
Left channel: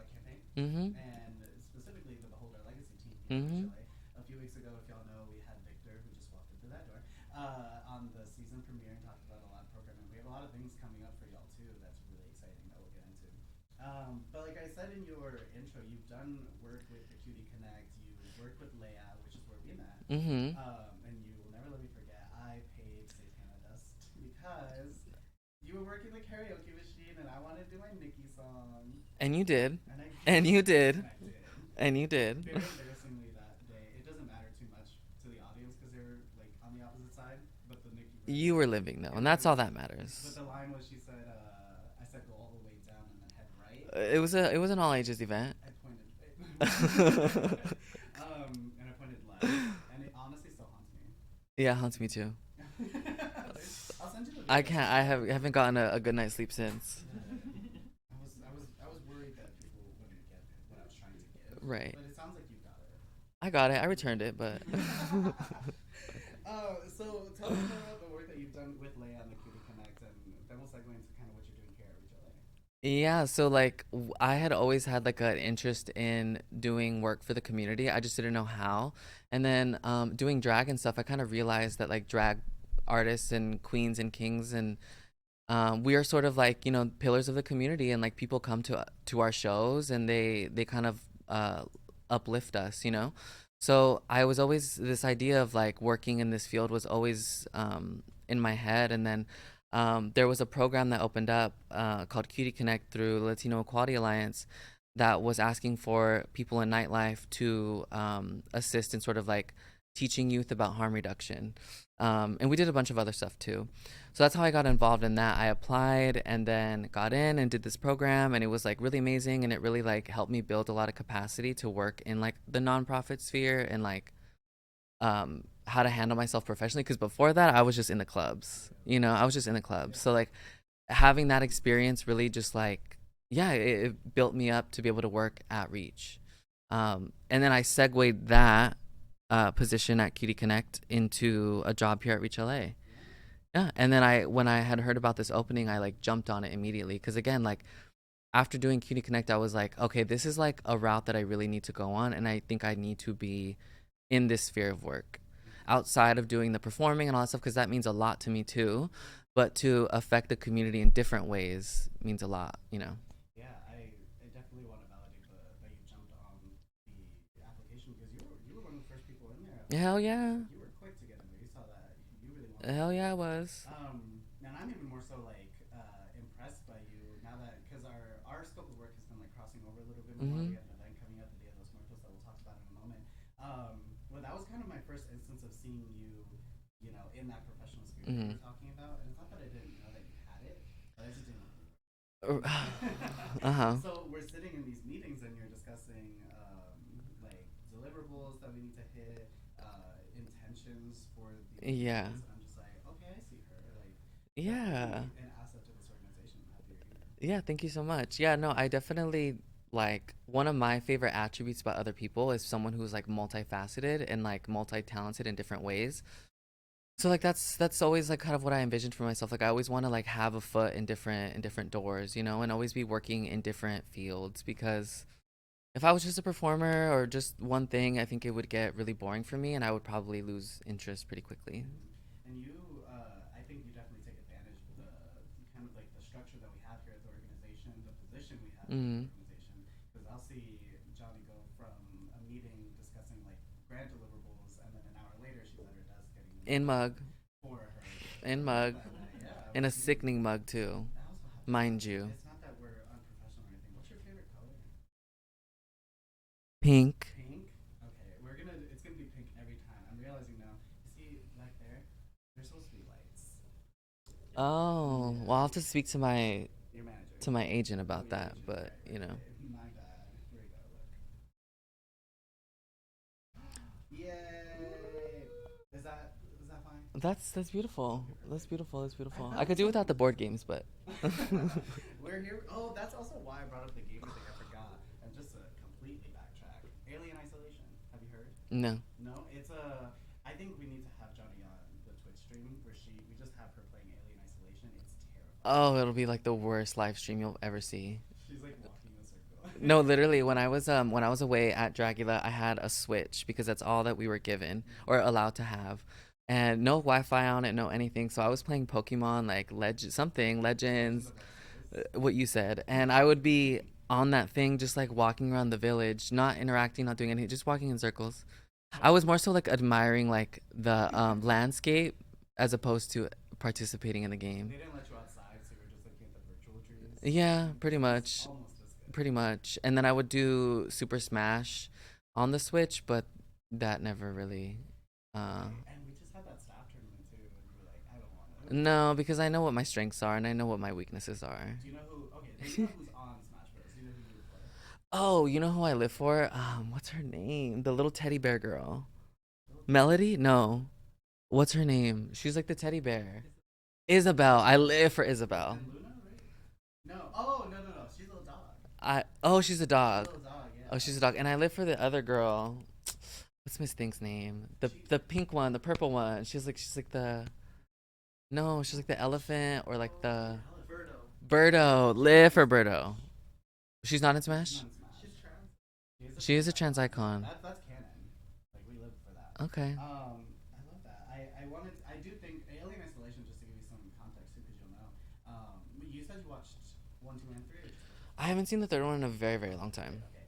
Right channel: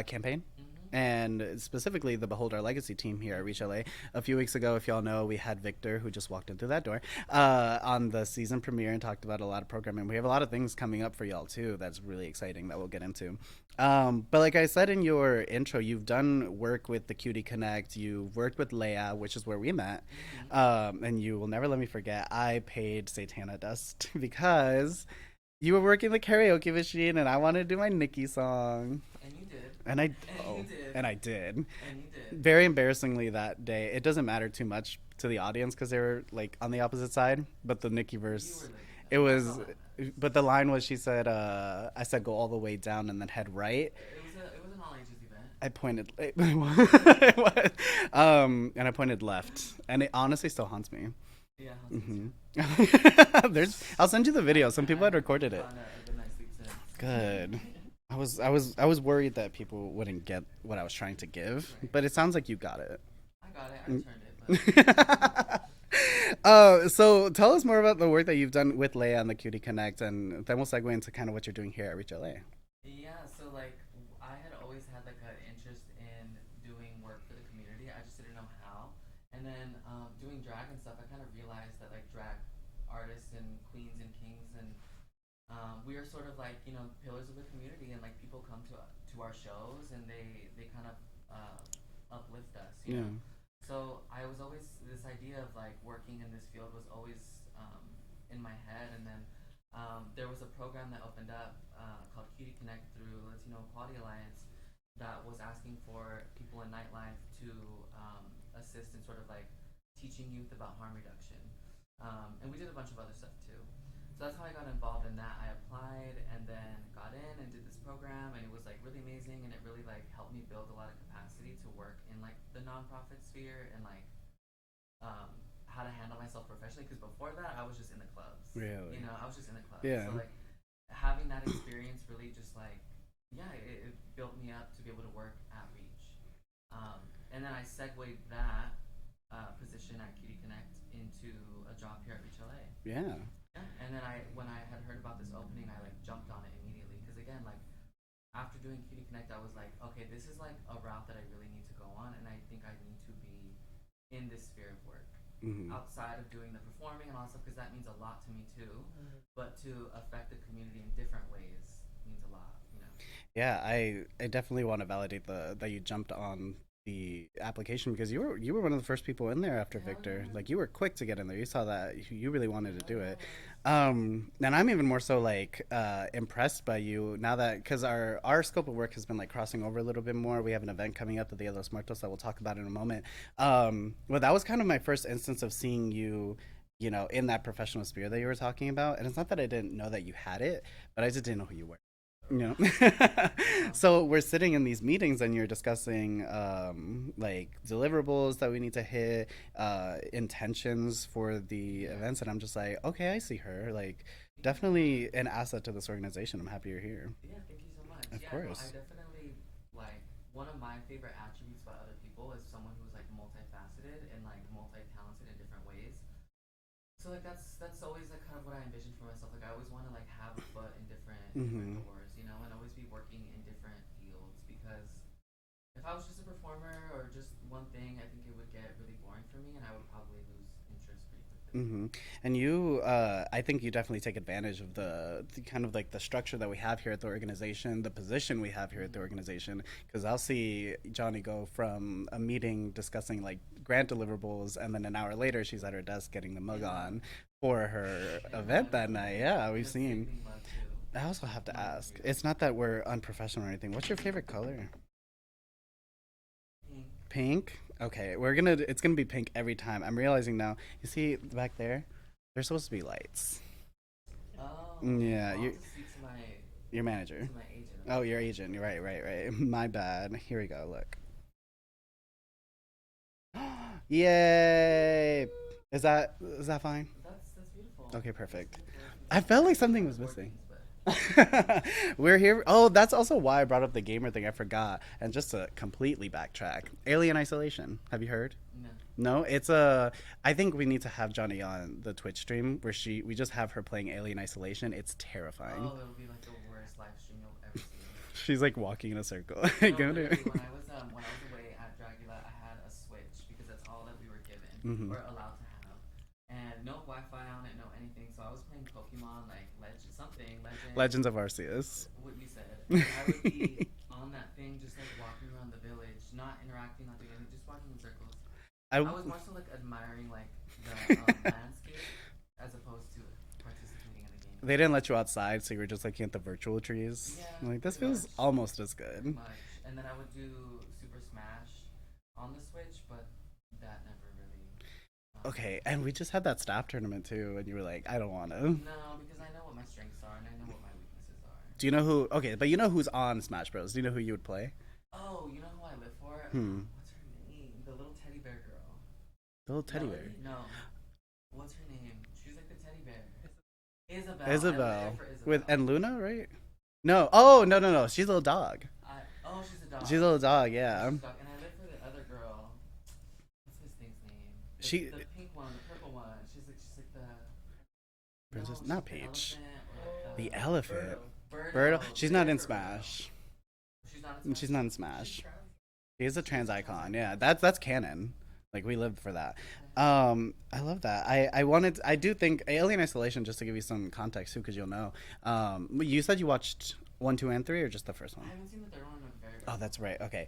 campaign, Mm-hmm. and specifically the Behold Our Legacy team here at Reach Mm-hmm. LA. A few weeks ago, if y'all know, we had Victor, who just walked in through that door, on the season premiere and talked about a lot of programming. We have a lot of things coming up for y'all too. That's really exciting that we'll get into. But like I said in your intro, you've done work with the Cutie Connect. You've worked with Leia, which is where we met. Mm-hmm. And you will never let me forget. I paid Satana dust because you were working the karaoke machine, and I wanted to do my Nicki song, And you did. and I And you did. and I did. And you did. Very embarrassingly that day. It doesn't matter too much to the audience because they were like on the opposite side. But the Nicki verse, You were living though. it And that's was- all that matters. But the line was, she said, I said go all the way down and then head right. It was an all ages event. I pointed, and I pointed left, and it honestly still haunts me. Yeah, haunts me too. I'll send you the video. Some people had I recorded haven't it. gotten a good night's sleep since. Good. I was worried that people wouldn't get what I was trying to give. Right. But it sounds like you got it. I got it. I returned it, but So tell us more about the work that you've done with Leia and the Cutie Connect, and then we'll segue into kind of what you're doing here at Reach LA. yeah. So like, I had always had like an interest in doing work for the community. I just didn't know how. And then doing drag and stuff, I kind of realized that like drag artists and queens and kings and we are sort of like pillars of the community, and like people come to our shows and they kind of uplift us. So I was always, this idea of like working in this field was always in my head. And then there was a program that opened up called Cutie Connect through Latino Equality Alliance that was asking for people in nightlife to assist in sort of like teaching youth about harm reduction. And we did a bunch of other stuff too. So that's how I got involved in that. I applied and then got in and did this program, and it was like really amazing, and it really like helped me build a lot of capacity to work in like the nonprofit sphere and like how to handle myself professionally, because before that I was just in the clubs. Really? I was just in the clubs. Yeah. So like having that experience really just like it built me up to be able to work at Reach. And then I segued that position at Cutie Connect into a job here at Reach LA. Yeah. Yeah, and then when I had heard about this opening, I like jumped on it immediately because again, like after doing Cutie Connect, I was like, okay, this is like a route that I really need to go on, and I think I need to be in this sphere of work outside of doing the performing and all that stuff because that means a lot to me too. But to affect the community in different ways means a lot, you know. Yeah, I definitely want to validate the that you jumped on the application because you were one of the first people in there after Hell Victor. yeah. Like you were quick to get in there. You saw that you really wanted to Hell do yeah, I it. was. And I'm even more so like impressed by you now that because our scope of work has been like crossing over a little bit more. We have an event coming up at the Dia de los Muertos that we'll talk about in a moment. But that was kind of my first instance of seeing you, you know, in that professional sphere that you were talking about. And it's not that I didn't know that you had it, but I just didn't know who you were. You know? So we're sitting in these meetings and you're discussing like deliverables that we need to hit, intentions for the events, and I'm just like, okay, I see her. Like, definitely an asset to this organization. I'm happy you're here. Yeah, thank you so much. Of Yeah, no, course. I definitely like one of my favorite attributes about other people is someone who's like multifaceted and like multi-talented in different ways. So like that's always like kind of what I envisioned for myself. Like I always want to like have a foot in different doors, you know, and always be working in different fields because if I was just a performer or just one thing, I think it would get really boring for me and I would probably lose interest pretty quickly. And you, I think you definitely take advantage of the kind of like the structure that we have here at the organization, the position we have here at the organization. Because I'll see Jonni go from a meeting discussing like grant deliverables, and then an hour later she's at her desk getting the mug on for her event mug. that night. Yeah, In a sickening mug too. I also have to mind ask, you. it's not that we're unprofessional or anything. What's your favorite color? Pink. Pink. Okay, it's gonna be pink every time. I'm realizing now. You see back there, there's supposed to be lights. Oh, Yeah, well, I'll have to speak to your manager. my agent about that. Oh, your agent. But, Right. you know. My bad. Here we go. Look. Yay! Is that fine? That's beautiful. Okay, perfect. That's beautiful. That's beautiful. I felt like could do something without the was board missing. games, but We're here. Oh, that's also why I brought up the gamer thing. I forgot. And just to completely backtrack, Alien Isolation. Have you heard? no. No, it's a. I think we need to have Jonni on the Twitch stream where we just have her playing Alien Isolation. It's terrifying. Oh, it'll be like the worst live stream you'll ever see. She's like walking in a circle. No, literally, when I was away at Dragula, I had a Switch because that's all that we were given or allowed to have. And no Wi-Fi on it, no anything. So I was playing Pokemon, like Legends Legends of Arceus. What you said, and I would be on that thing, just like walking around the village, not interacting, not doing anything, just walking in circles. I was more so like admiring like the landscape as opposed to participating in the game. They didn't let you outside, so you were just looking at the virtual trees. Yeah, like, pretty this much. feels almost as good. Pretty much. And then I would do Super Smash on the Switch, but that never really. Okay, and we just had that staff tournament too, and you were like, I don't want to. No, because I know what my strengths are and I know what my weaknesses are. Do you know who? Okay, but you know who's on Smash Bros. Do you know who you would play? Oh, you know who I live for? What's her name? The little teddy bear girl. Little Melody? No. What's her name? She's like the teddy bear. Isabel. I live for Isabel. And Luna, right? No. Oh, no. She's a little dog. She's a dog. She's a little dog, yeah. Oh, she's a dog. And I live for the other girl. What's Miss Think's name? The pink one, the purple one. She's like the. No, she's like the elephant or like the elephant. Birdo. Live for Birdo. She's not in Smash. She's not in Smash. She is a trans icon. Yeah, that's canon. Like we lived for that. Okay. I love that. I do think Alien Isolation, just to give you some context too, because you'll know. You said you watched 1, 2, and 3, or just the first one? I haven't seen the third one in a very long time. That's right. Okay.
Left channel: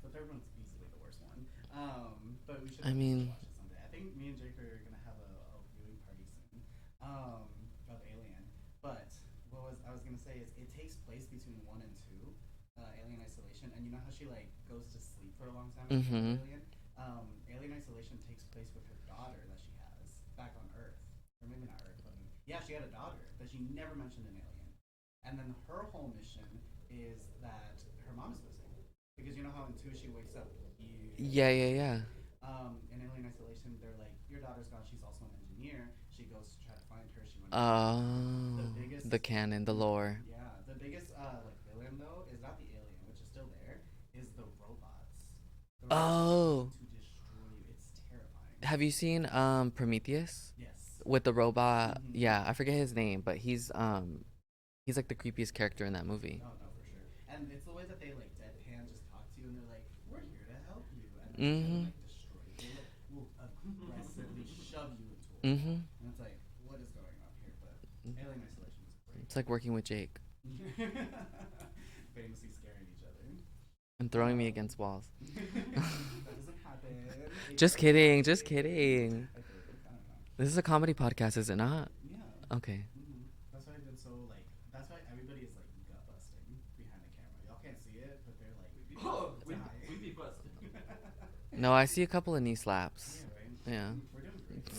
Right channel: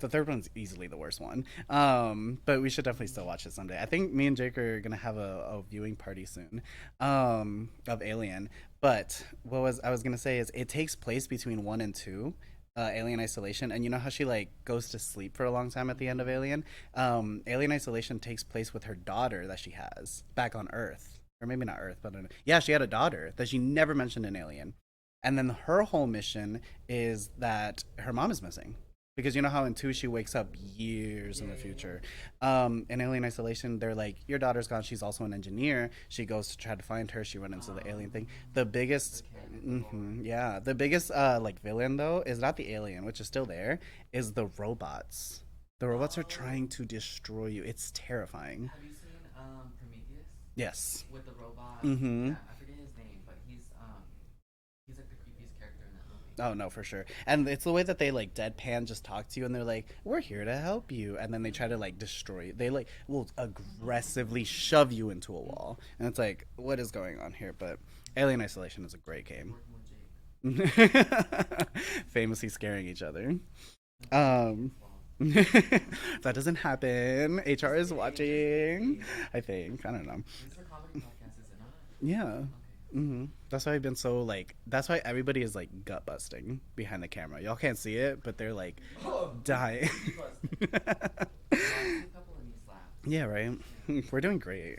The third one's easily the worst one. But we should definitely still watch it someday. I think me and Jake are gonna have a viewing party soon, of Alien. But I was gonna say is it takes place between 1 and 2. Alien Isolation, and you know how she like goes to sleep for a long time at the end of Alien. Alien Isolation takes place with her daughter that she has back on Earth, or maybe not Earth, but yeah, she had a daughter that she never mentioned in Alien. And then her whole mission is that her mom is missing, because you know how in 2 she wakes up years in the future. In Alien Isolation, they're like, your daughter's gone. She's also an engineer. She goes to try to find her. She runs into the alien thing. The canon, the lore. Yeah, the biggest like villain though is not the alien, which is still there, is the robots. The robots are trying Oh, to destroy you. It's terrifying. have you seen Prometheus Yes. with the robot? Mm-hmm. Yeah, I forget his name, but he's like the creepiest character in that movie. Oh no, for sure. And it's the way that they like deadpan just talk to you, and they're like, "We're here to help you," and then they try to Mhm. like destroy you. They like will aggressively shove you into a wall, Mhm. and it's like, what is going on here? But Alien Isolation is a great It's like game. working with Jake Famously scaring each other. and throwing me Um, against walls. that doesn't happen. HR Just is kidding, just watching. kidding. I think. I don't know. This is a comedy podcast, is it not? Yeah. Okay. That's why I've been so like. That's why everybody is like gut busting behind the camera. Y'all can't see it, but they're like dying. No, I see a couple of knee slaps. Yeah, right. Yeah. We're doing great.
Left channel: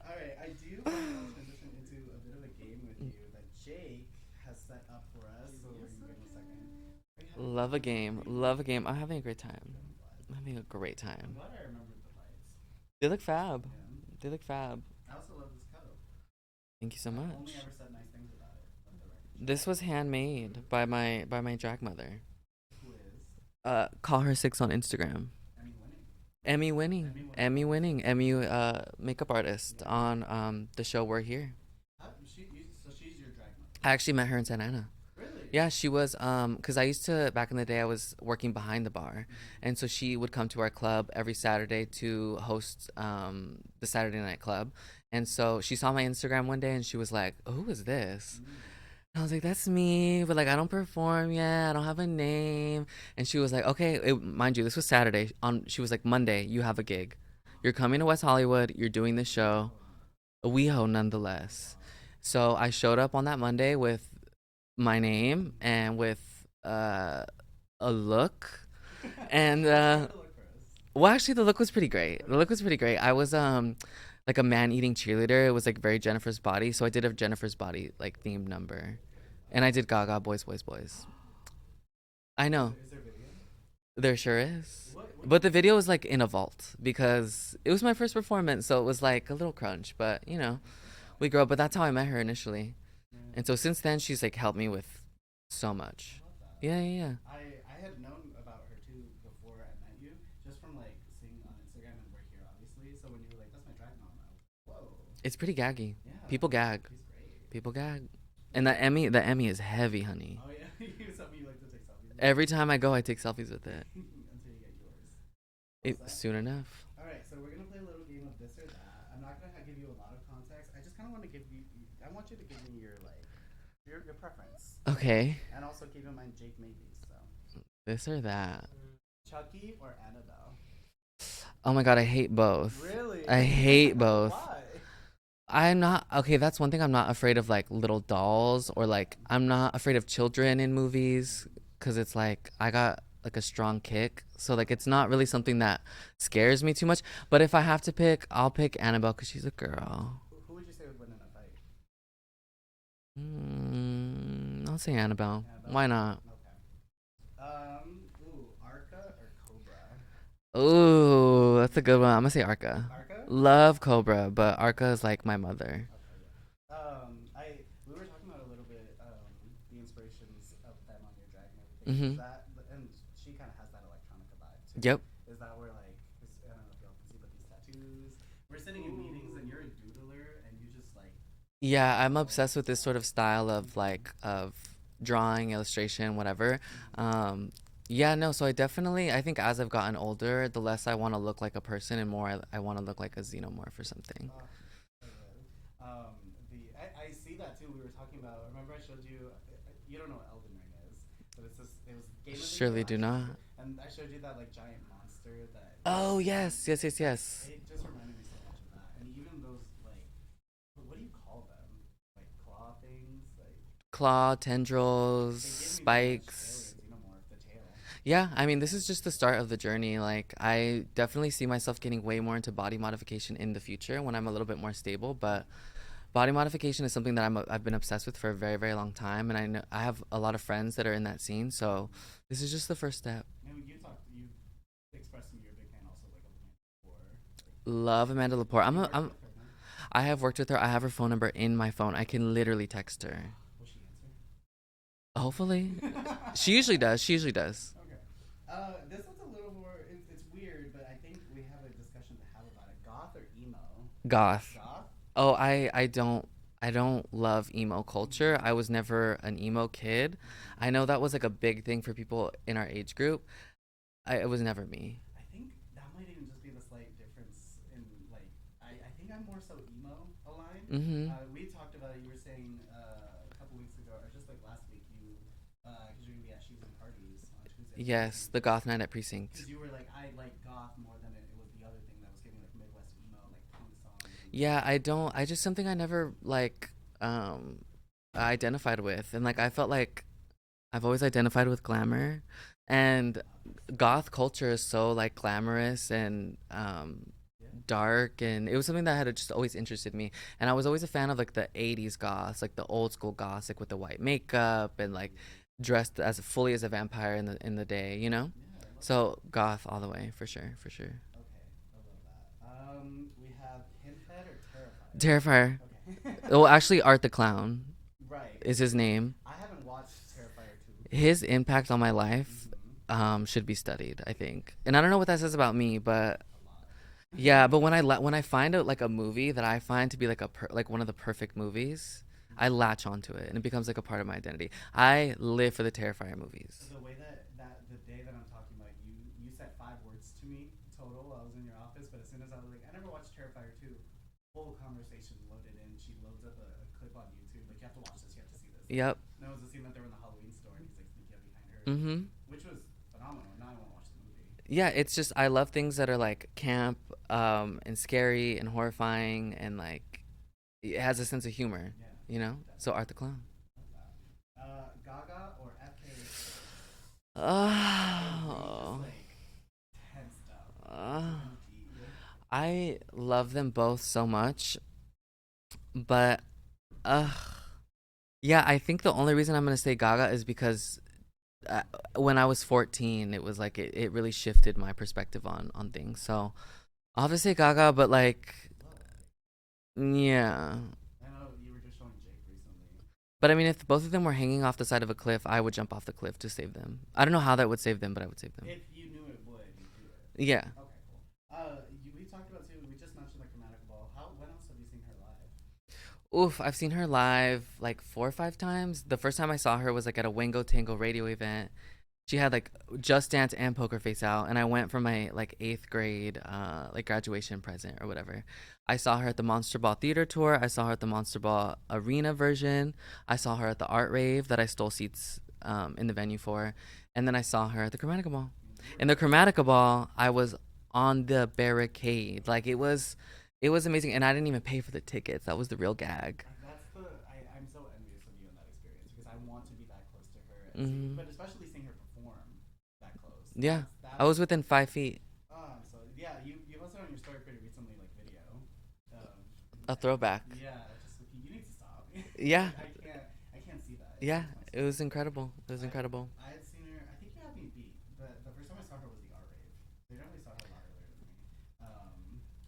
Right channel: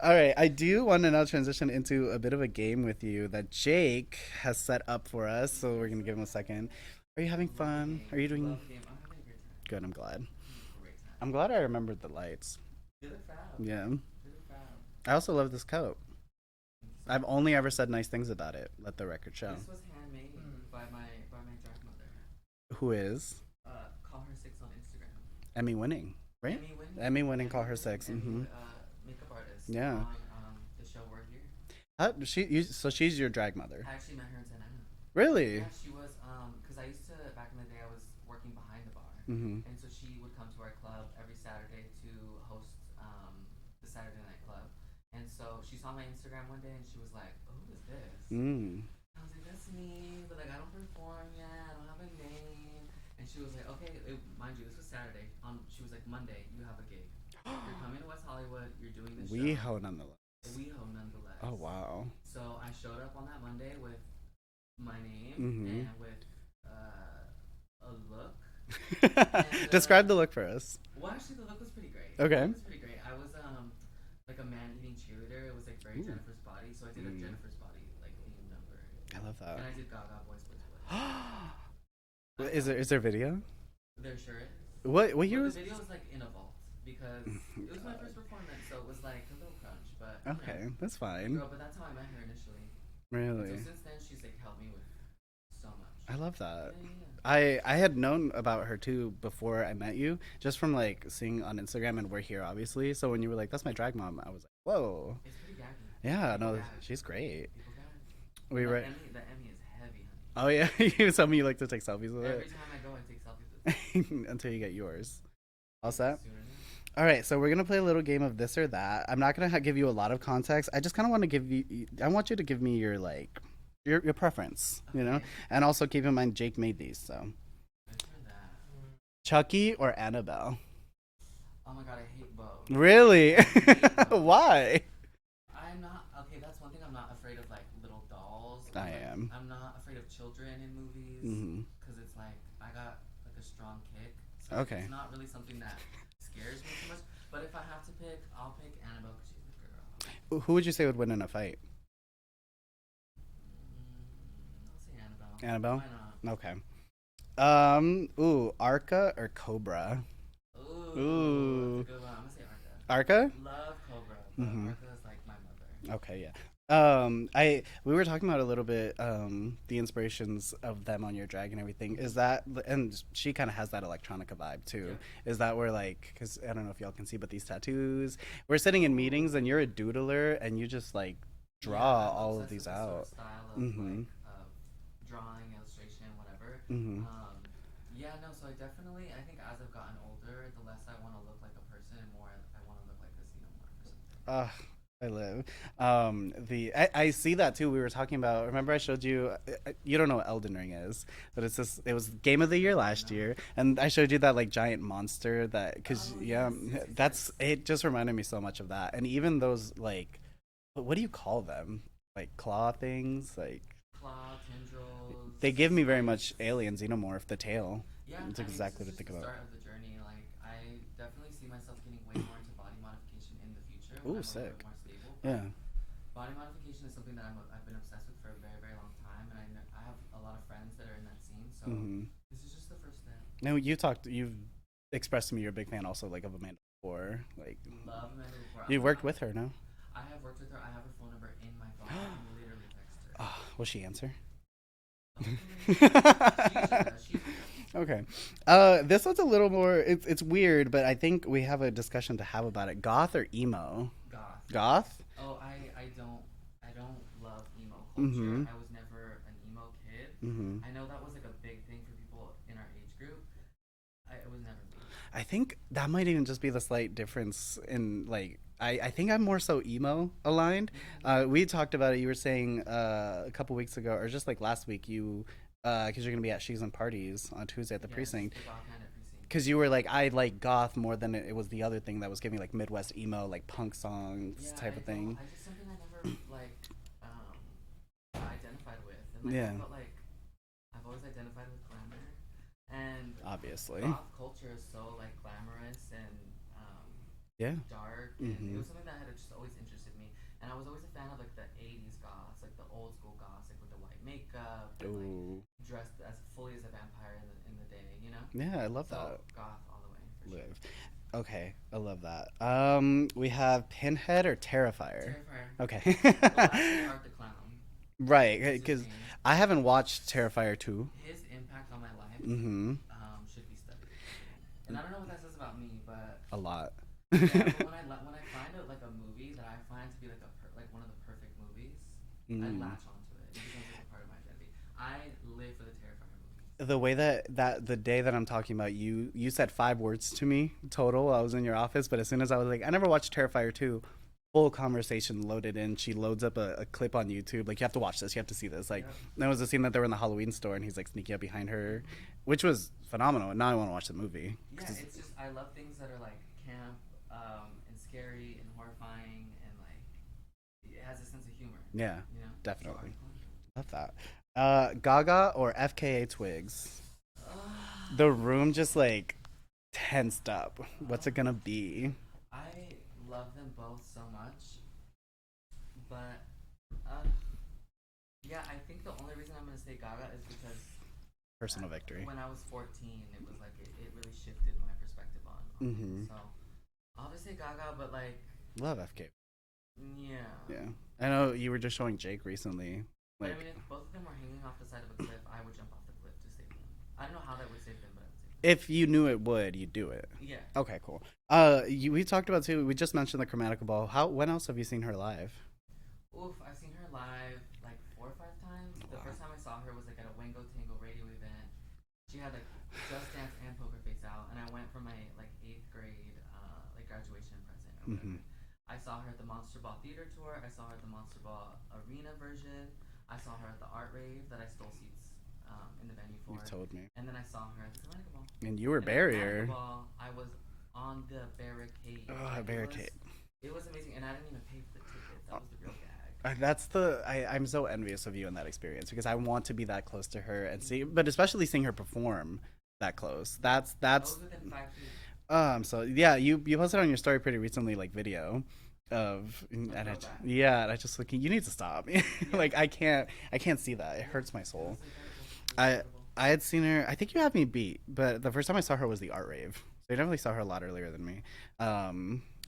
All right, I do want to now transition into a bit of a game with you that Jake has set up for us. So we're gonna give him a second. Are you having Love fun? a game. Are you doing Love a game. I'm having a great time. good? I'm glad. I'm having a great time. I'm glad I remembered the lights. They look fab. Yeah. They look fab. I also love this coat. Thank you so I've much. only ever said nice things about it. Let the record show. This was handmade by my drag mother. Who is Call her 6 on Instagram. Emmy winning. Right? Emmy winning. Emmy winning. Emmy Call Her winning. 6. Emmy Mhm. makeup artist Yeah. on the show We're Here. So she's your drag mother. I actually met her in Santa Ana. Really? Yeah, she was cuz I used to back in the day I was working behind the bar. Mm-hmm. And so she would come to our club every Saturday to host the Saturday night club. And so she saw my Instagram one day and she was like, "Who is this?" Mm. I was like, "That's me, but like I don't perform yet. I don't have a name." And she was like, "Okay, mind you, this was Saturday. She was like, Monday, you have a gig. You're coming to West Hollywood. You're doing this show. Yeehaw, nonetheless. WeHo nonetheless." Oh wow. So I showed up on that Monday with my name Mhm. and with a look. And Describe the look for us. well, actually, the look was pretty great. Okay. The look was pretty great. I was like a man eating cheerleader. It was like very Jennifer's Body. So I did a Jennifer's Body like themed number. I love that. And I did Gaga Boys Boys Boys. I know. Is there video? There sure is. What But the year- video was like in a vault because it was my first performance, so it was like a little crunch. But you know, Okay, that's fine. we grew up. But that's how I met her initially. Really? And so since then, she's like helped me with so much. I love that. Yeah, yeah, yeah. I had known about her too before I met you, just from like seeing on Instagram, and We're Here obviously. So when you were like, "That's my drag mom," I was like, "Whoa, It's pretty gaggy. yeah." People no, gag. She's great. People gag. Were And you the Emmy is heavy, honey. Oh yeah, you told me you like to take selfies with Every time I go, I take selfies with it. it until you get yours. All set? Soon enough. All right, so we're gonna play a little game of this or that. I'm not gonna give you a lot of context. I just kind of want to give you. I want you to give me your like, your preference. you know? Okay. And also keep in mind Jake made these. So This or that. Chucky or Annabelle? Oh my god, I hate both. Really? I hate both. Why? I'm not okay. That's one thing. I'm not afraid of like little dolls or I like am. I'm not afraid of children in movies Mhm. because it's like I got like a strong kick. So like Okay. it's not really something that scares me too much. But if I have to pick, I'll pick Annabelle because she's a girl. Who would you say would win in a fight? I'll say Annabelle. Annabelle? Why not? Okay. Arca or Cobra? Ooh, that's Ooh. a good one. I'm gonna say Arca. Arca? Love Cobra, but Mhm. Arca is like my mother. Okay, yeah. We were talking about a little bit the inspirations of them on your drag and everything. Is Mhm. that, and she kind of has that electronica vibe too. Yep. Is that where like, because I don't know if y'all can see, but these tattoos, we're sitting in meetings and you're a doodler and you just like. Yeah, draw I'm all of obsessed with these this sort of out. style of Mhm. like of drawing, illustration, whatever. Mhm. Yeah, no, so I think as I've gotten older, the less I want to look like a person and more I want to look like a xenomorph or something. I live. I see that too. We were talking about. Remember, I showed you. You don't know what Elden Ring is, but it's this. It was Game of the Year Surely do last not. year, and I showed you that like giant monster that. Oh, yes, yes, That's yes. it. Just reminded me so much of that, and even those like, what do you call them? Like claw things, like. Claw, tendrils. They give me very much spikes. alien xenomorph, the tail. Yeah, That's I mean, this exactly is what just I the think start about. of the journey. Like, I definitely see myself getting way more into body modification in the future when Ooh, I'm a little bit sick. more stable. But Yeah. body modification is something that I've been obsessed with for a very, very long time, and I know I have a lot of friends that are in that scene. So Mhm. this is just the first step. No, you've expressed to me you're a big fan also like of Amanda Lepore. Like Love Amanda Lepore. you worked with her, no? I have worked with her. I have her phone number in my phone. I can literally text her. Will she answer? Hopefully. She usually does. She usually does. Okay. This one's a little more. It's weird, but I think we have a discussion to have about it. Goth or emo? Goth. Goth. Oh, I don't love emo culture. Mm-hmm. I was never an emo kid. Mm-hmm. I know that was like a big thing for people in our age group. It was never me. I think that might even just be the slight difference in like. I think I'm more so emo aligned. We talked about it. You were saying a couple weeks ago, or just like last week, you because you're gonna be at She's and Parties on Tuesday at the Yes, precinct. the goth night at precinct. Because you were like, I like goth more than it was the other thing that was giving like Midwest emo, like punk songs. Yeah, type I of don't. thing. I just something I never like identified with, and like I Yeah, felt like I've always identified with glamour, and obviously. goth culture is so like glamorous and Yeah. dark, and it Mhm. was something that had just always interested me. And I was always a fan of like the 80s goths, like the old school goths, like with the white makeup and like Ooh. dressed as fully as a vampire in the day, you know. Yeah, I love So goth all the way, for sure, Yeah. for sure. that. Okay, I love that. We have Pinhead or Terrifier. Terrifier. Okay. Well, actually, Art the Clown right. is his 'Cause name. I haven't watched Terrifier 2. His impact on my life Mm-hmm. should be studied, I think. And I don't know what that says about me, but A lot. yeah. But when I find out like a movie that I find to be like like one of the perfect movies, I Mhm. latch onto it and it becomes like a part of my identity. I live for the Terrifier movies. The way that the day that I'm talking about, you said 5 words to me total. I was in your office, but as soon as I was like, I never watched Terrifier 2, full conversation loaded in. She loads up a clip on YouTube. Like, you have to watch this. You have to see this. Like, Yep. there was a scene that they were in the Halloween store and he's like sneaking up behind her, Hmm. which was phenomenal. And now I want to watch the movie. Yeah, it's just I love things that are like camp, and scary and horrifying, and like it has a sense of humor. Yeah, You know. So Art definitely. the Clown. Love that. Gaga or FKA Twigs? The room just like tensed up. What's it gonna be? I love them both so much, but uh yeah, I think the only reason I'm gonna say Gaga is because Personal victory. when I was 14, it was like it really shifted my perspective on things. Mhm. So I'll just say Gaga, but like Love FKA. yeah. Yeah. I know you were just showing Jake recently. But I mean, if both of them were hanging off the side of a cliff, I would jump off the cliff to save them. I don't know how that would save them, but I would save them. If you knew it would, you'd do it. Yeah. Okay, cool. We talked about too. We just mentioned the Chromatica Ball. When else have you seen her live? Oof, I've seen her live like 4 or 5 times. The first time I saw her was like at a Wango Tango radio event. She had like Just Dance and Poker Face out, and I went for my like 8th grade like graduation present or whatever. I saw her at the Monster Ball Theater Tour. I saw her at the Monster Ball Arena version. I saw her at the Art Rave that I stole seats in the venue for. You told me. And then I saw her at the Chromatica Ball. And you were In the buried Chromatica there. Ball, I was on the barricade. Oh, Like barricade. it was amazing, and I didn't even pay for the tickets. That was the real gag. I'm so envious of you in that experience because I want to be that close to her and see, Mhm. but especially seeing her perform that close. Yeah. That's. I was within 5 feet. So yeah, you posted on your story pretty recently, like video of A throwback. Yeah, and I just like, you need to stop. Yeah. Like I can't see that. It Yeah, hurts my soul. it was incredible. It was I- incredible. I had seen her. I think you had me beat, but the first time I saw her was the Art Rave. So I definitely saw her a lot earlier than me.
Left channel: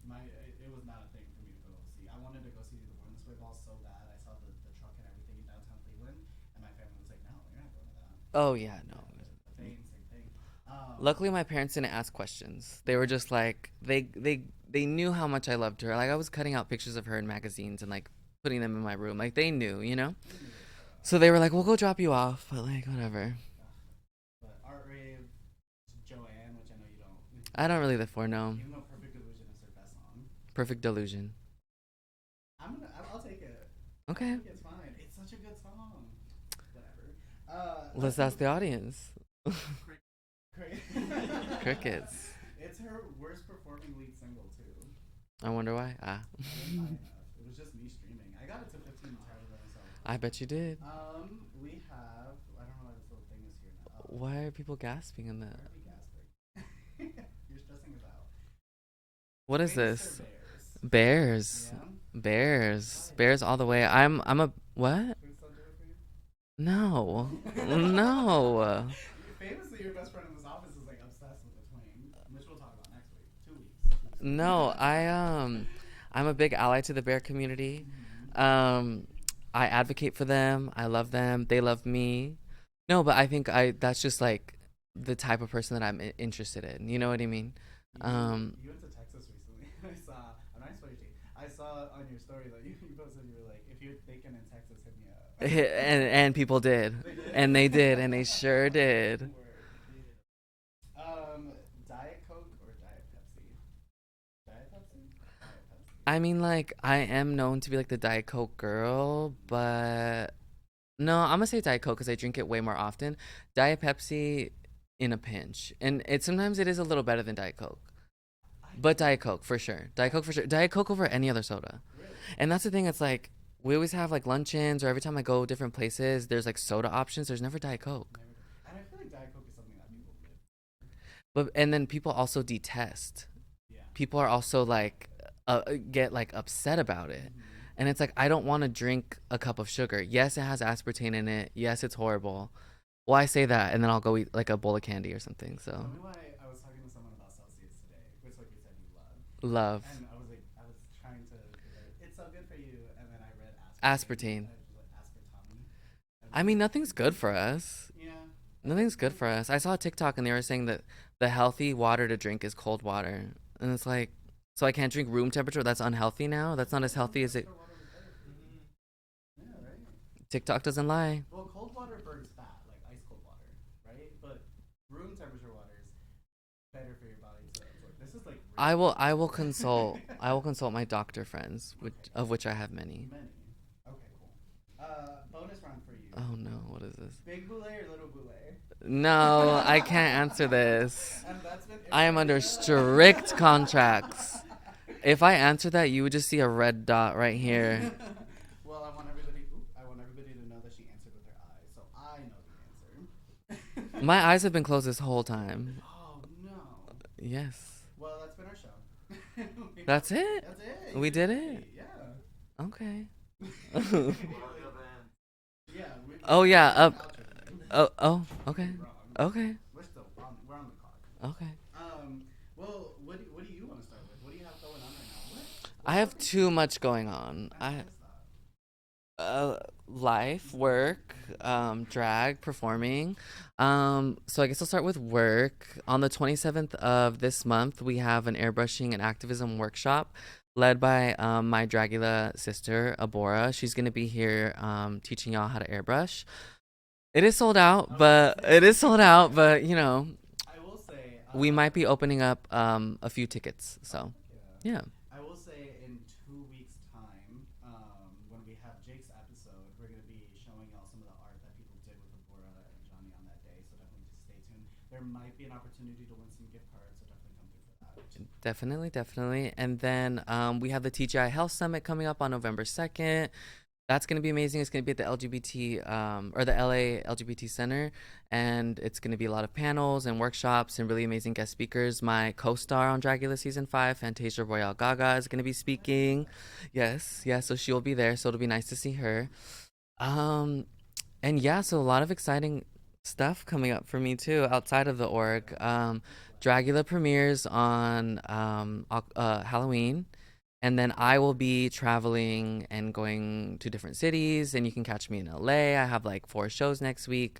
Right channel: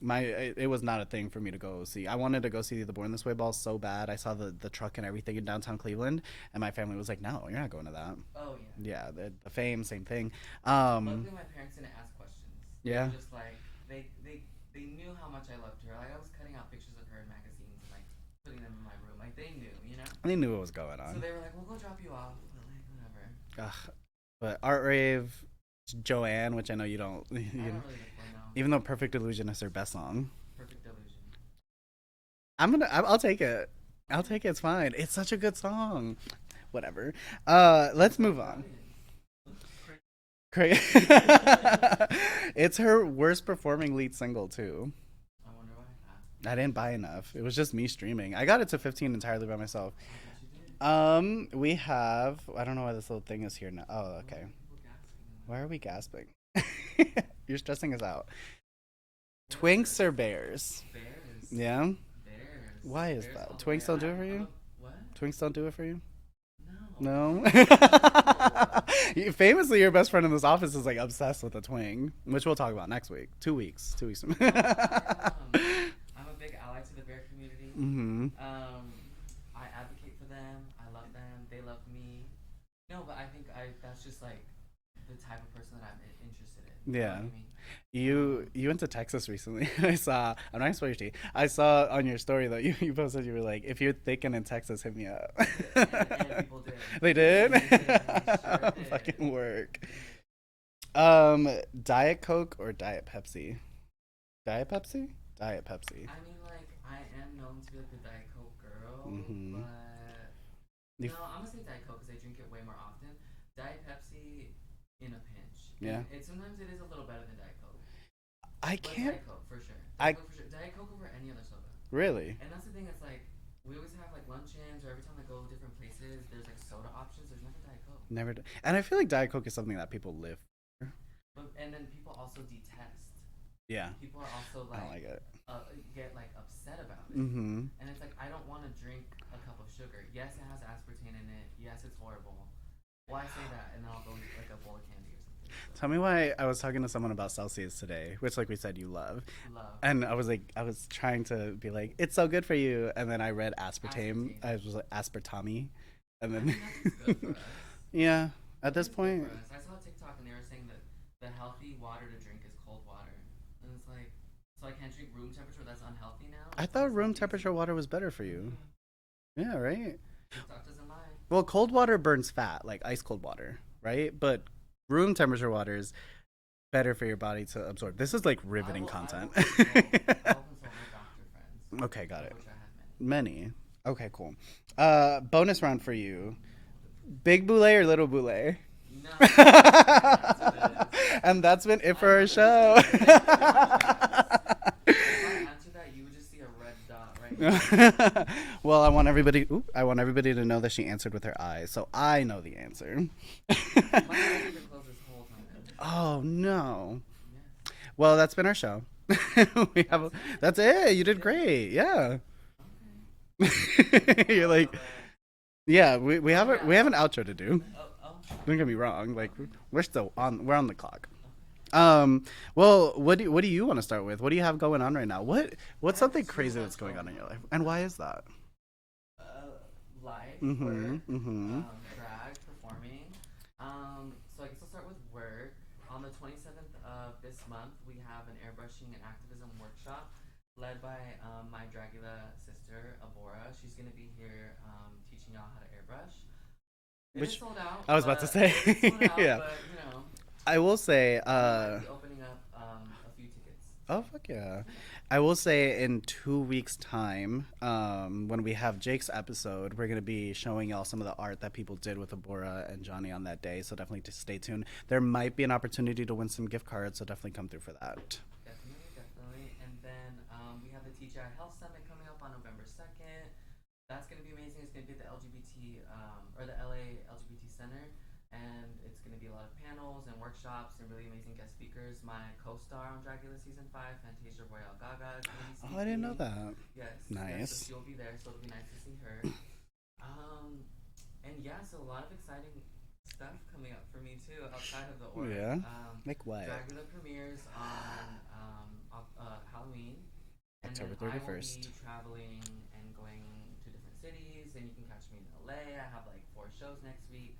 It was not a thing for me to go see. I wanted to go see the Born This Way ball so bad. I saw the truck and everything in downtown Cleveland, and my family was like, "No, you're not going to that." Oh yeah. Yeah, the Fame, same thing. Luckily, my parents didn't ask questions. They Yeah. were just like they knew how much I loved her. Like I was cutting out pictures of her in magazines and like putting them in my room. Like they knew, you know. they knew what was going on. So they were like, "We'll go drop you off," but like whatever. Ugh. But Art Rave, Joanne, which I know you don't. I don't really live for no. Even though Perfect Illusion is her best song, Perfect Delusion. I'll take it. I'll Okay. take it. It's fine. It's such a good song. Whatever. That's Let's move the on. audience. Craig. It's her worst performing lead single too. I wonder why. Ah, I didn't buy enough. It was just me streaming. I got it to 15 entirely by myself. I bet you did. We have. I don't know why this little thing is here now. Oh, okay. Why are people gasping in that? Why are we gasping? You're stressing us out. What is Twinks this? or bears? Bears. Yeah. Bears. Why is Bears that? all the Twinks way. don't do it I'm for I'm you? a what? Twinks don't do it for you. No. No. No. Famously, your best friend in this office is like obsessed with a twing, which we'll talk about next week. 2 weeks. 2 weeks. No, I'm a big ally to the bear community. Mm-hmm. I advocate for them. I love them. They love me. No, but I think I that's just like the type of person that interested in. You know what Yeah. I mean? You went to Texas recently. I saw. I'm not gonna spoil your tea. I saw on your story that you posted. You were like, if you're thinking in Texas, hit me up. And people did. They did. And they did, and they sure Fucking did. work. Diet Coke or Diet Pepsi? Diet Pepsi? Diet Pepsi. I mean, like, I am known to be like the Diet Coke girl, Mm-hmm. but no, I'm gonna say Diet Coke because I drink it way more often. Diet Pepsi in a pinch, Yeah. and it sometimes it is a little better than Diet Coke, I but can't. Diet Coke for sure. I Diet Coke for sure. Diet Coke over any other soda. really And that's the thing. It's like we always have like luncheons, or every time I go different places, there's like soda options. There's never Diet Coke. never. And I feel like Diet Coke is something that people live for. But and then people also detest. Yeah. People are also I don't like like it. get like upset about it. Mm-hmm. And it's like I don't want to drink a cup of sugar. Yes, it has aspartame in it. Yes, it's horrible. Well, I say that, and then I'll go eat like a bowl of candy or something. So Tell me why I was talking to someone about Celsius today, which, like we said, you love. love And I was like, I was trying to be like, it's so good for you. And then I read aspartame. aspartame. I was like, aspartame. And I then, mean, nothing's good for us. yeah. At Nothing's this point, good for us. I saw a TikTok and they were saying that the healthy water to drink is cold water, and it's like, so I can't drink room temperature. That's unhealthy now. I That's thought not as room healthy as temperature it. water was better for you. Yeah, right? TikTok doesn't lie. Well, cold water burns fat, like ice cold water, right? But room temperature water is better for your body to absorb. This is like really. I will consult. I will consult my doctor friends. Okay, got of it. which I have many. Many. Okay, cool. Bonus round for you. Oh no, what is this? Big boule or little boule? No, I can't answer this. And that's been it I for am our under show. strict contracts. If I answer that, you would just see a red dot right here. Well, I want everybody. I want everybody to know that she answered with her eyes, so I know the answer. My eyes have been closed this whole time. Oh no. Yes. Well, that's been our show. That's it? That's it. You We did did it? great. Yeah. Okay. You're like, yeah. We Oh, have yeah, we have an outro to do. Oh. Don't Okay. get me wrong. Like, Okay. We're still on. We're on the clock. Okay. Well, what do you want to start with? What do you have going on right now? What's I have something too crazy much that's going going in your life? on. And why is that? Life, Mhm, work, mhm. drag, performing. So I guess I'll start with work. On the 27th of this month, we have an airbrushing and activism workshop led by my Dragula sister, Abora. She's going to be here teaching y'all how to airbrush. It is sold out, I was about to but say. it is sold out, Yeah. but you know, I will say we might be opening up a few tickets. So Oh fuck yeah! yeah. I will say in 2 weeks' time, when we have Jake's episode, we're gonna be showing y'all some of the art that people did with Abora and Jonni on that day. So definitely just stay tuned. There might be an opportunity to win some gift cards, so definitely come through for that. Definitely. And then we have the TGI Health Summit coming up on November 2nd. That's going to be amazing. It's going to be at the LGBT or the LA LGBT Center. And it's going to be a lot of panels and workshops and really amazing guest speakers. My co star on Dragula Season 5, Fantasia Royale Gaga, is going to be Oh, I didn't know speaking. that. Yes. Yeah. So Nice. she'll be there. So it'll be nice to see her. And yeah, so a lot of exciting stuff coming up for me too outside of the org. Yeah? Like what? Dragula premieres on Halloween, and then October I will 1st. be traveling and going to different cities. And you can catch me in LA. I have like 4 shows next week.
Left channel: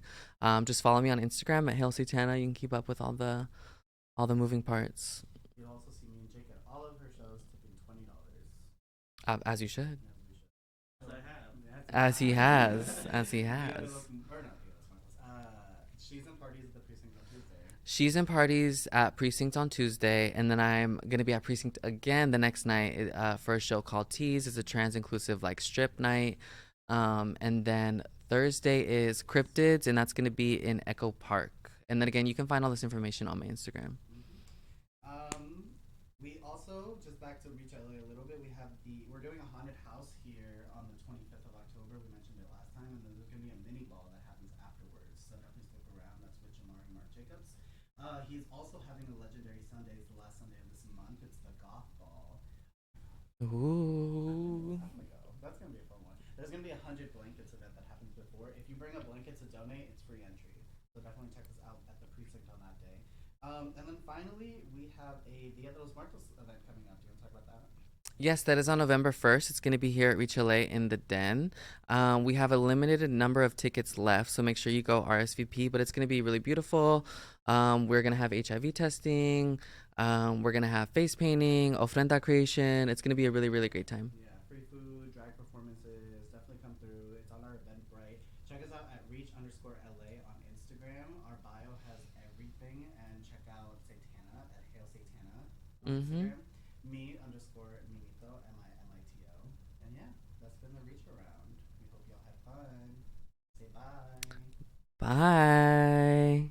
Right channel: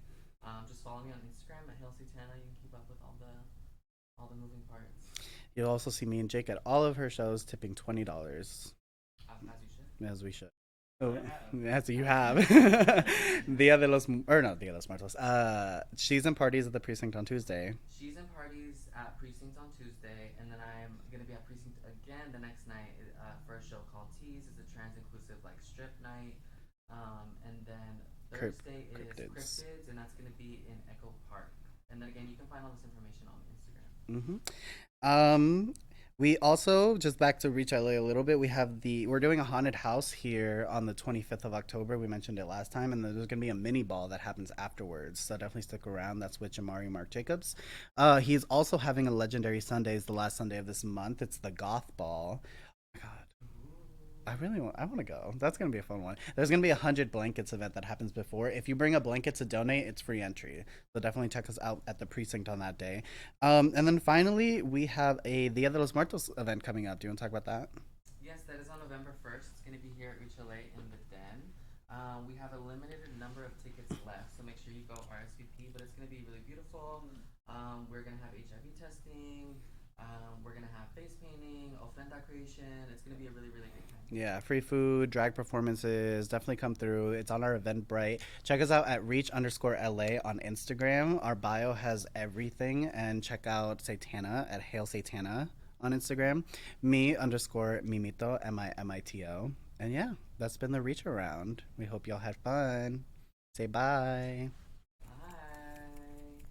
Just follow me on Instagram at Hail Sutana. You can keep up with all the moving parts. You'll also see me and Jake at all of her shows, tipping $20, As you should. as we should. Oh, as you As he have. has. As he has. Dia de los, or not Dia de los Muertos. She's in parties at the precinct on Tuesday. She's in parties at Precinct on Tuesday, and then I'm gonna be at Precinct again the next night for a show called Tease. It's a trans-inclusive like strip night, and then Thursday is Cryptids, and that's gonna be in Echo Park. And then again, you can find all this information on my Instagram. We also, just back to Reach LA a little bit, we're doing a haunted house here on the 25th of October. We mentioned it last time, and there's going to be a mini ball that happens afterwards. So definitely stick around. That's with Jamari Mark Jacobs. He's also having a Legendary Sundays the last Sunday of this month. It's the Goth Ball. Oh my God. Ooh. I want to go. That's going to be a fun one. There's going to be 100 blankets event that happens before. If you bring a blanket to donate, it's free entry. So definitely check us out at the precinct on that day. And then finally, we have a Dia de los Muertos event coming up. Do you want to talk about that? Yes, that is on November 1st. It's going to be here at Reach LA in the Den. We have a limited number of tickets left, so make sure you go RSVP. But it's going to be really beautiful. We're going to have HIV testing. We're going to have face painting, ofrenda creation. It's going to be a really, really great time. Yeah, free food, drag performances, definitely come through. It's on our Eventbrite. Check us out at reach_LA on Instagram. Our bio has everything. And check out Satana at Hail Satana on Mm-hmm. Instagram. Me_Mimito, Mimito. And yeah, that's been the reach around. We hope y'all had fun. Say bye. Bye.